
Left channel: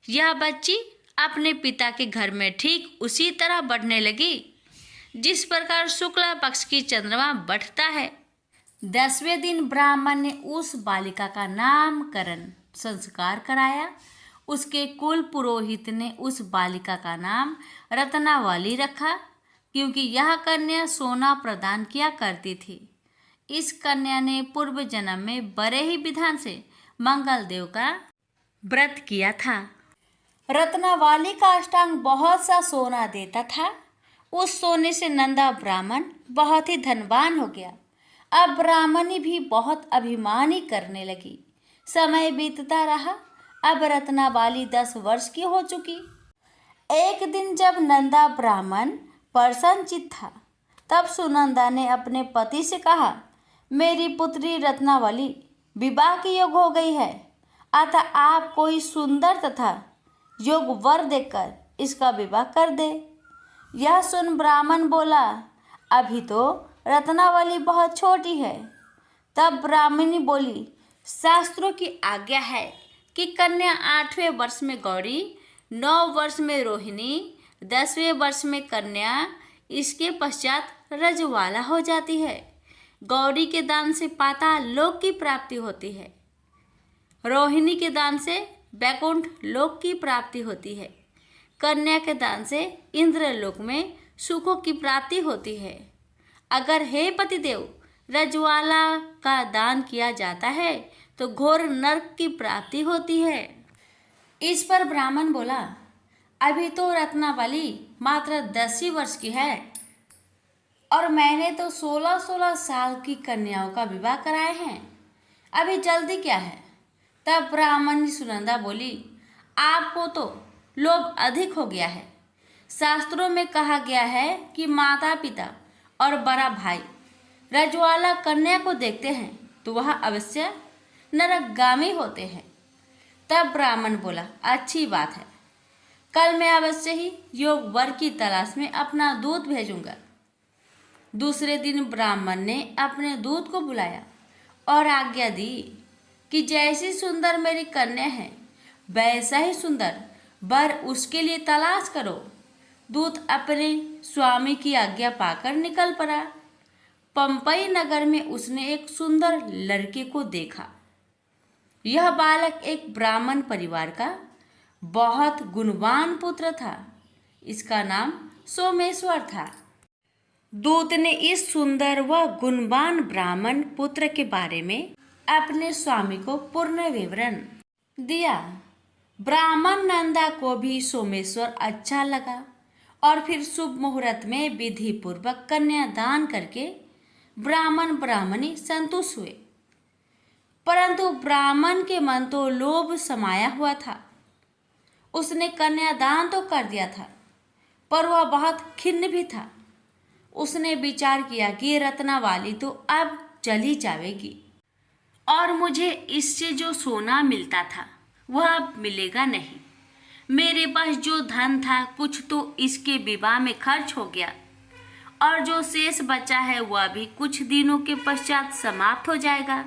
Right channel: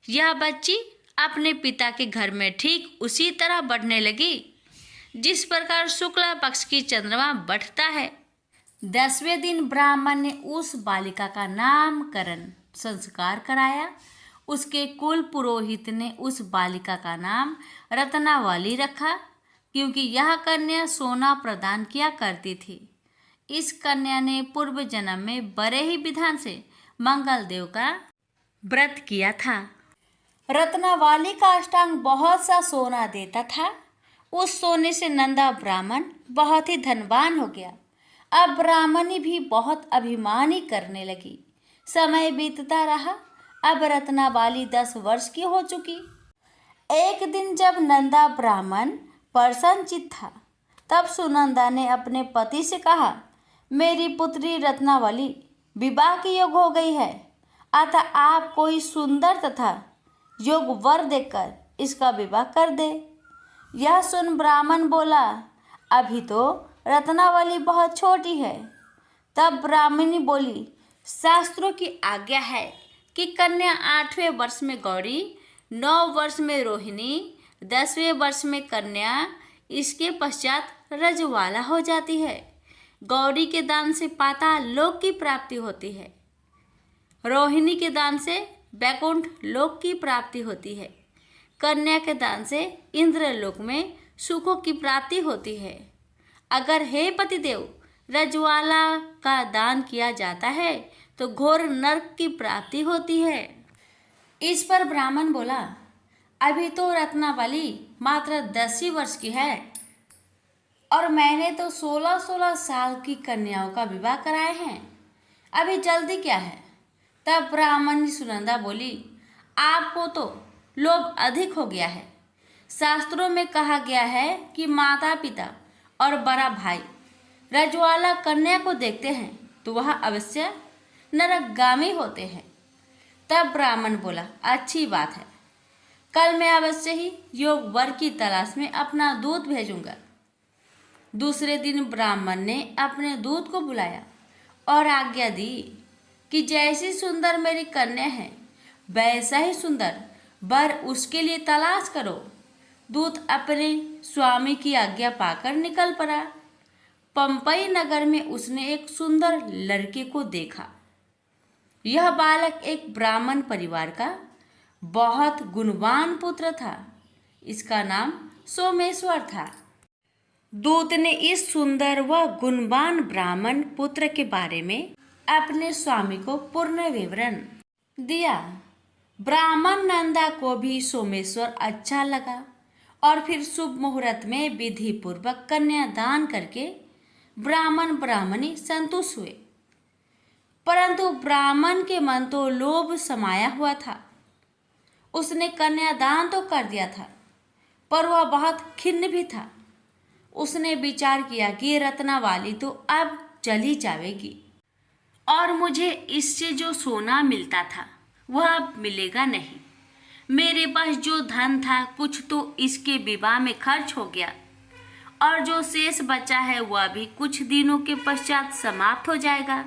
यह बच्ची अपने पिता के घर में ठीक उसी तरह बढ़ने लगी जिस प्रकार शुक्ला पक्ष की चंद्रमा बढ़ता है। 10वें दिन ब्राह्मण ने उस बालिका का नामकरण संस्कार कराया। उसके कुल पुरोहित ने उस बालिका का नाम रत्नावली रखा, क्योंकि यह कन्या सोना प्रदान किया करती थी। इस कन्या ने पूर्व जन्म में बड़े ही विधान से मंगल देव का व्रत किया था। रत्नावली का अष्टांग बहुत सा सोना देता था। उस सोने से नंदा ब्राह्मण बहुत ही धनवान हो गया। अब ब्राह्मणी भी बहुत अभिमानी करने लगी। समय बीतता रहा। अब रत्नावली 10 वर्ष की हो चुकी। एक दिन जब नंदा ब्राह्मण प्रसन्नचित्त था, तब सुनंदा ने अपने पति से कहा, मेरी पुत्री रत्नावली विवाह की योग हो गई है, अतः आप कोई सुंदर तथा योग वर देकर इसका विवाह कर दे। यह सुन ब्राह्मण बोला, अभी तो रत्नावली बहुत छोटी है। तब ब्राह्मणी बोली, शास्त्रों की आज्ञा है कि कन्या 8वें वर्ष में गौरी, 9 वर्ष में रोहिणी, 10वें वर्ष में कन्या, इसके पश्चात रजवाला हो जाती है। गौरी के दान से पाताल लोक की प्राप्ति होती है। रोहिणी के दान से वैकुंठ लोक की प्राप्ति होती है। कन्या के दान से इंद्रलोक में सुखों की प्राप्ति होती है। अगर हे पतिदेव रजवाला का दान किया जाता है तो घोर नरक की प्राप्ति होती है। इस पर ब्राह्मण बोला, अभी तो रत्नावली मात्र 10 ही वर्ष की है और मैंने तो 16-16 साल की कन्याओं का विवाह कराए हैं, अभी जल्दी क्या है। तब ब्राह्मणी सुनंदा बोली, आपको तो लोभ अधिक हो गया है। शास्त्रों में कहा गया है कि माता पिता और बड़ा भाई रजवाला कन्या को देखते हैं तो वह अवश्य नरकगामी होते हैं। तब ब्राह्मण बोला, अच्छी बात है, कल मैं अवश्य ही योग वर की तलाश में अपना दूत भेजूंगा। दूसरे दिन ब्राह्मण ने अपने दूत को बुलाया और आज्ञा दी कि जैसी सुंदर मेरी कन्या है वैसा ही सुंदर वर उसके लिए तलाश करो। दूत अपने स्वामी की आज्ञा पाकर निकल पड़ा। पंपई नगर में उसने एक सुंदर लड़के को देखा। यह बालक एक ब्राह्मण परिवार का बहुत गुणवान पुत्र था। इसका नाम सोमेश्वर था। दूत ने इस सुंदर व गुणवान ब्राह्मण पुत्र के बारे में अपने स्वामी को पूर्ण विवरण दिया। ब्राह्मण नंदा को भी सोमेश्वर अच्छा लगा और फिर शुभ मुहूर्त में विधि पूर्वक कन्यादान करके ब्राह्मण ब्राह्मणी संतुष्ट हुए। परंतु ब्राह्मण के मन तो लोभ समाया हुआ था। उसने कन्यादान तो कर दिया था, पर वह बहुत खिन्न भी था। उसने विचार किया कि रत्नावली तो अब चली जाएगी और मुझे इससे जो सोना मिलता था वह अब मिलेगा नहीं। मेरे पास जो धन था कुछ तो इसके विवाह में खर्च हो गया और जो शेष बचा है वह भी कुछ दिनों के पश्चात समाप्त हो जाएगा।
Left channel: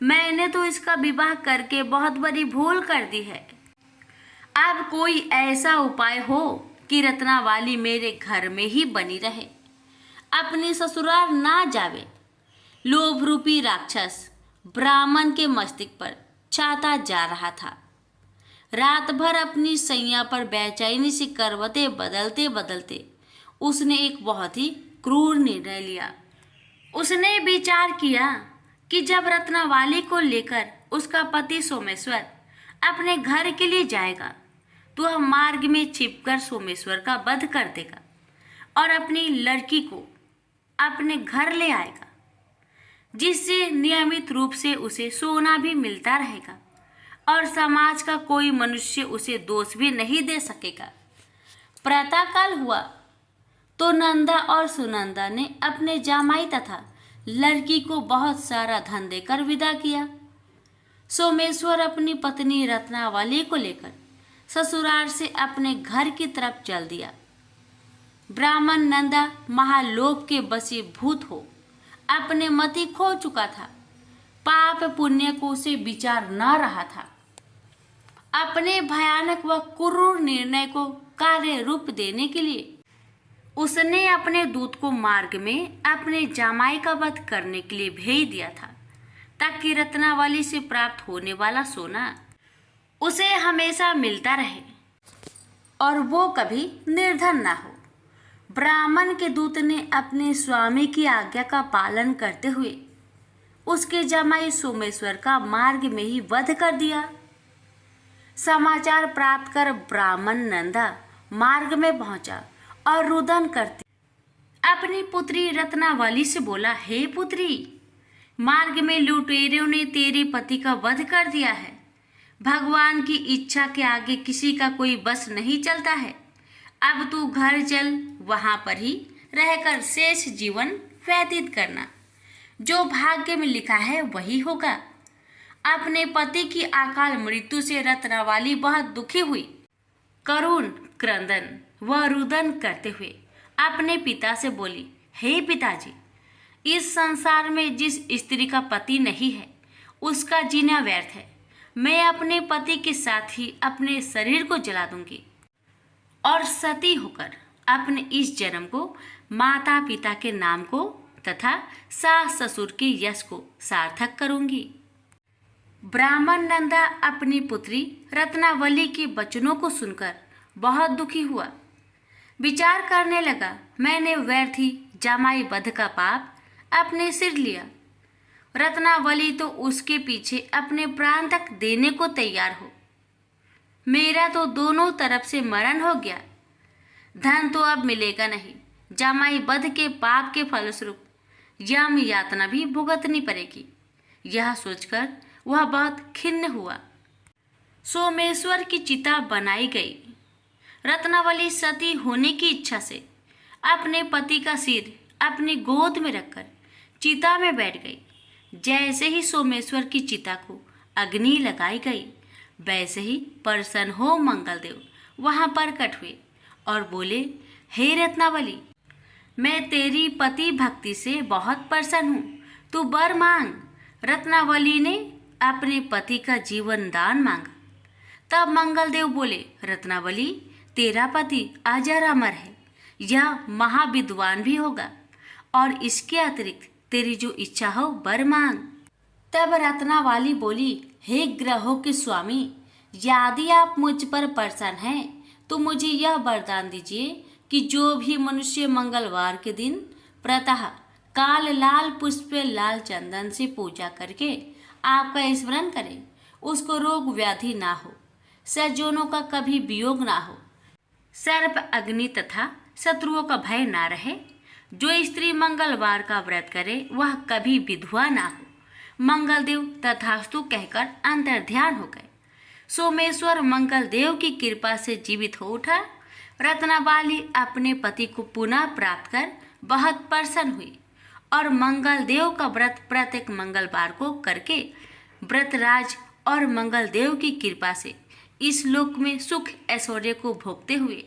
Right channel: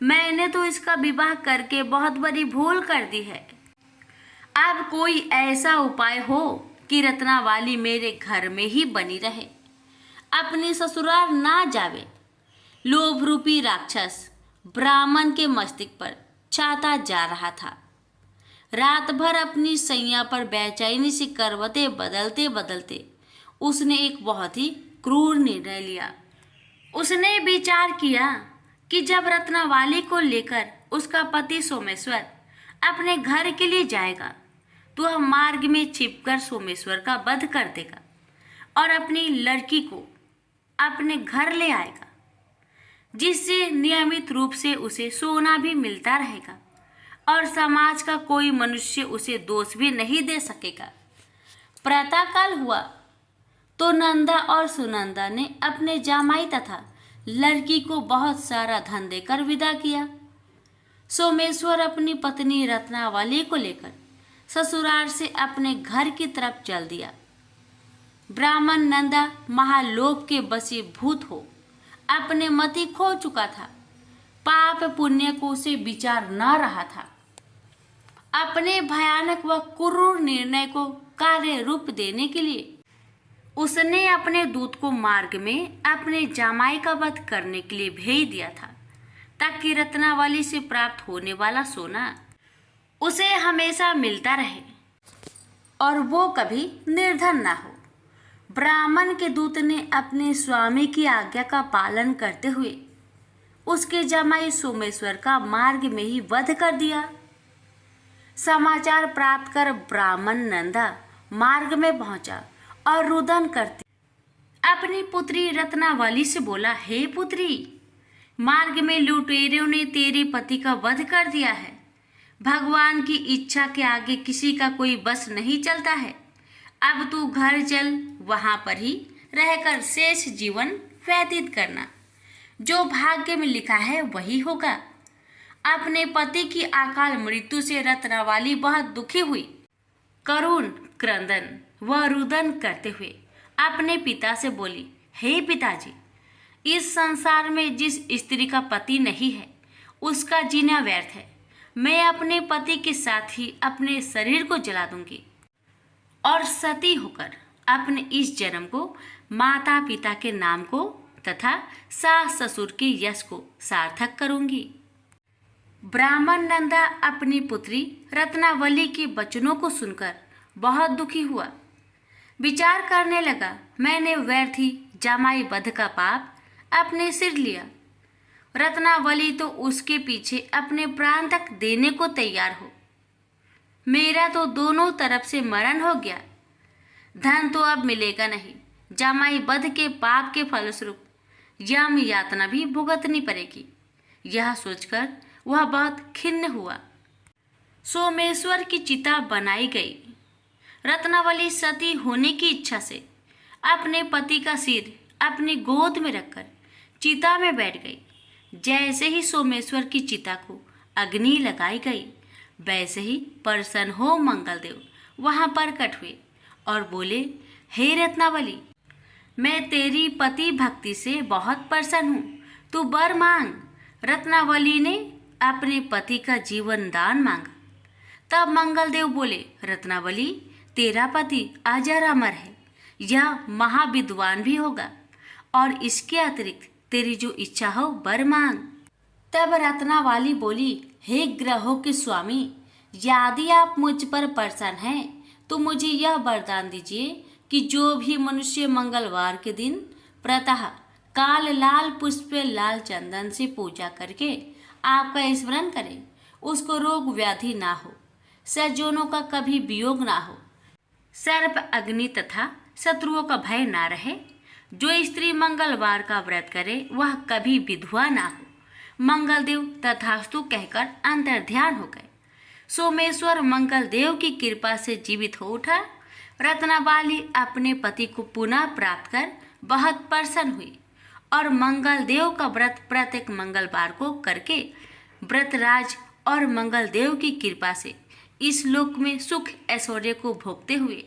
मैंने तो इसका विवाह करके बहुत बड़ी भूल कर दी है। अब कोई ऐसा उपाय हो कि रत्नावली मेरे घर में ही बनी रहे, अपनी ससुराल ना जावे। लोभ रूपी राक्षस ब्राह्मण के मस्तिष्क पर छाता जा रहा था। रात भर अपनी सैया पर बेचैनी से करवटें बदलते बदलते उसने एक बहुत ही क्रूर निर्णय लिया। उसने विचार किया कि जब रत्नावली को लेकर उसका पति सोमेश्वर अपने घर के लिए जाएगा तो वह मार्ग में छिपकर सोमेश्वर का वध कर देगा और अपनी लड़की को अपने घर ले आएगा, जिससे नियमित रूप से उसे सोना भी मिलता रहेगा और समाज का कोई मनुष्य उसे दोष भी नहीं दे सकेगा। प्रातःकाल हुआ तो नंदा और सुनंदा ने अपने जामाई तथा लड़की को बहुत सारा धन देकर विदा किया। सोमेश्वर अपनी पत्नी रत्नावली को लेकर ससुराल से अपने घर की तरफ चल दिया। ब्राह्मण नंदा महालोभ के वशीभूत हो अपने मति खो चुका था। पाप पुण्य को उसे विचार न रहा था। अपने भयानक व क्रूर निर्णय को कार्य रूप देने के लिए उसने अपने दूत को मार्ग में अपने जामाई का वध करने के लिए भेज दिया था, ताकि रत्नावली से प्राप्त होने वाला सोना उसे हमेशा मिलता रहे और वो कभी निर्धन ना हो। ब्राह्मण के दूत ने अपने स्वामी की आज्ञा का पालन करते हुए उसके जमाई सोमेश्वर का मार्ग में ही वध कर दिया। समाचार प्राप्त कर ब्राह्मण नंदा मार्ग में पहुंचा और रुदन करते अपनी पुत्री रत्नावली से बोला, हे पुत्री, मार्ग में लुटेरों ने तेरे पति का वध कर दिया है। भगवान की इच्छा के आगे किसी का कोई बस नहीं चलता है। अब तू घर चल, वहां पर ही रहकर शेष जीवन व्यतीत करना। जो भाग्य में लिखा है वही होगा। अपने पति की अकाल मृत्यु से रत्नावली बहुत दुखी हुई। करुण क्रंदन व रुदन करते हुए अपने पिता से बोली, हे पिताजी, इस संसार में जिस स्त्री का पति नहीं है उसका जीना व्यर्थ है। मैं अपने पति के साथ ही अपने शरीर को जला दूंगी और सती होकर अपने इस जन्म को माता पिता के नाम को तथा सास ससुर के यश को सार्थक करूंगी। ब्राह्मण नंदा अपनी पुत्री रत्नावली के वचनों को सुनकर बहुत दुखी हुआ। विचार करने लगा, मैंने व्यर्थ ही जमाई वध का पाप अपने सिर लिया। रत्नावली तो उसके पीछे अपने प्राण तक देने को तैयार हो। मेरा तो दोनों तरफ से मरण हो गया। धन तो अब मिलेगा नहीं। जमाई वध के पाप के फलस्वरूप यम यातना भी भुगतनी पड़ेगी। यह सोचकर वह बहुत खिन्न हुआ। सोमेश्वर की चिता बनाई गई। रत्नावली सती होने की इच्छा से अपने पति का सिर अपनी गोद में रखकर चिता में बैठ गई। जैसे ही सोमेश्वर की चिता को अग्नि लगाई गई, वैसे ही प्रसन्न हो मंगलदेव वहां प्रकट हुए और बोले, हे रत्नावली, मैं तेरी पति भक्ति से बहुत प्रसन्न हूँ, तू वर मांग। रत्नावली ने अपने पति का जीवन दान मांगा। तब मंगलदेव बोले, रत्नावली, तेरा पति अजर अमर है, यह महाविद्वान भी होगा और इसके अतिरिक्त तेरी जो इच्छा हो वर मांग। तब रत्नावली बोली, हे ग्रहों के स्वामी, यदि आप मुझ पर प्रसन्न हैं तो मुझे यह वरदान दीजिए कि जो भी मनुष्य मंगलवार के दिन प्रातः काल लाल पुष्प लाल चंदन से पूजा करके आपका स्मरण करे, उसको रोग व्याधि ना हो, सज्जनों का कभी वियोग ना हो, सर्प अग्नि तथा शत्रुओं का भय ना रहे। जो स्त्री मंगलवार का व्रत करे वह कभी विधवा ना हो। मंगलदेव तथास्तु कहकर अंतर्ध्यान हो गए। सोमेश्वर मंगलदेव की कृपा से जीवित हो उठा। रत्नावली अपने पति को पुनः प्राप्त कर बहुत प्रसन्न हुई और मंगलदेव का व्रत प्रत्येक मंगलवार को करके व्रतराज और मंगलदेव की कृपा से इस लोक में सुख ऐश्वर्य को भोगते हुए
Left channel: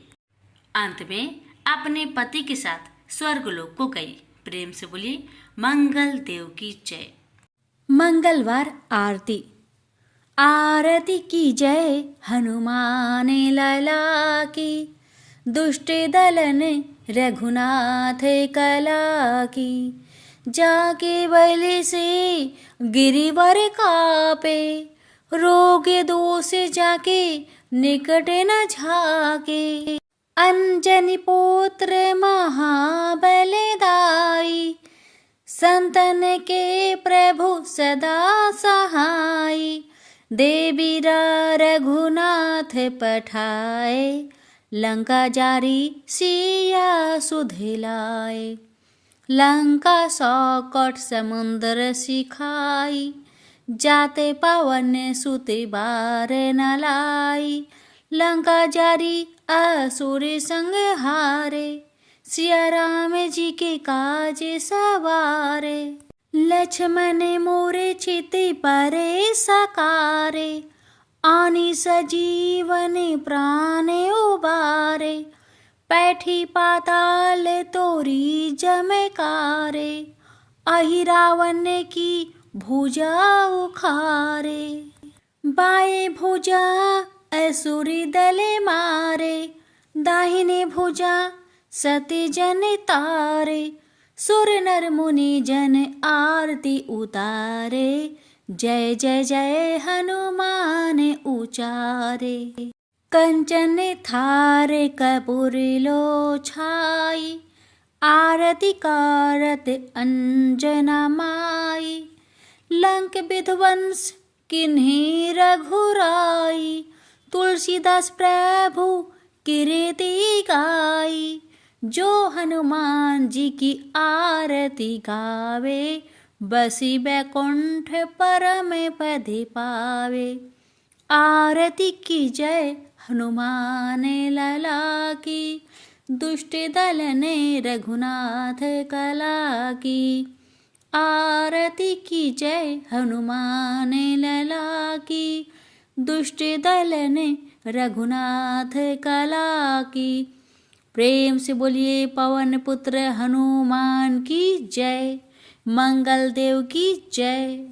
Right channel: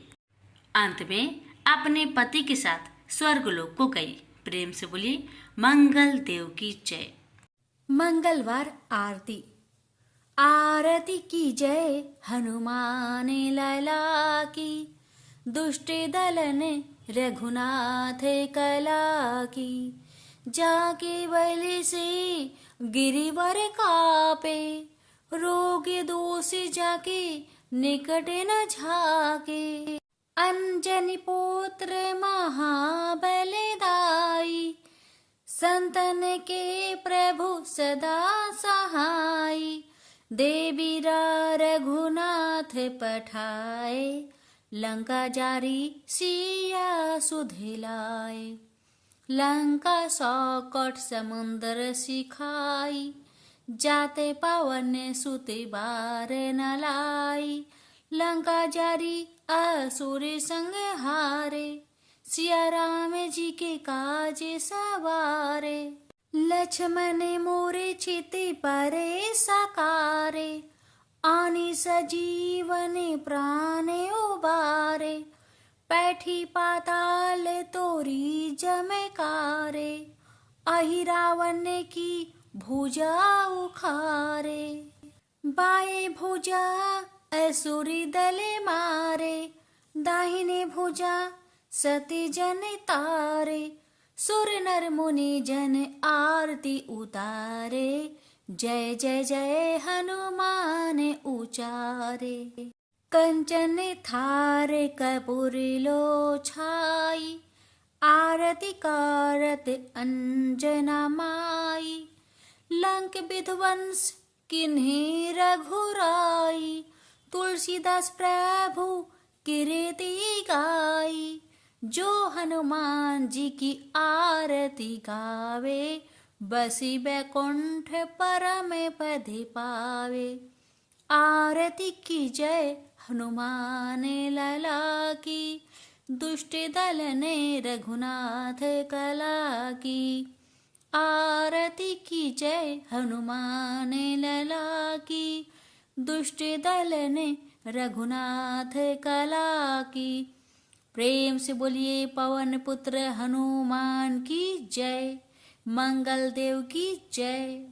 अंत में अपने पति के साथ स्वर्गलोक को गई। प्रेम से बोली, मंगल देव की जय। मंगलवार आरती। आरती की जय हनुमान लाला की, दुष्ट दलन रघुनाथ कला की। जाके बलि से गिरिवर कापे, रोग दोष जाके निकट न झाके। अंजनी पुत्र महाबलदाई, संतन के प्रभु सदा सहाय। देवीरा रघुनाथ पठाए, लंका जारी सिया सुधिलाए। लंका सौकट समुद्र सिखाई, जाते पवन सुते बार न लाई। लंका जारी असुर संग हारे, सिया राम जी के काज सवारे। लक्ष्मण मोरे चिति परे सकारे, आनी सजीवन प्राण उबारे। पैठी पाताल तोरी जमकारे, अहि रावण की भुजा उखारे। बाएं भुजा असुरी दले मारे, दाहिने भुजा सती जन तारे। सुर नर मुनि जन आरती उतारे, जय जय जय हनुमान उचारे। कंचन थार कपूर लो छाई, आरती कारत अंजना माई। लंक विध्वंस किन्हीं रघुराई, तुलसीदास प्रभु कीर्ति गाई, जो हनुमान जी की आरती गावे, बसी बैकुंठ परम पद पावे। आरती की जय हनुमान लला की, दुष्ट दल ने रघुनाथ कला की। आरती की जय हनुमान लला की, दुष्ट दल ने रघुनाथ कला की। प्रेम से बोलिए पवन पुत्र हनुमान की जय, मंगल देव की जय।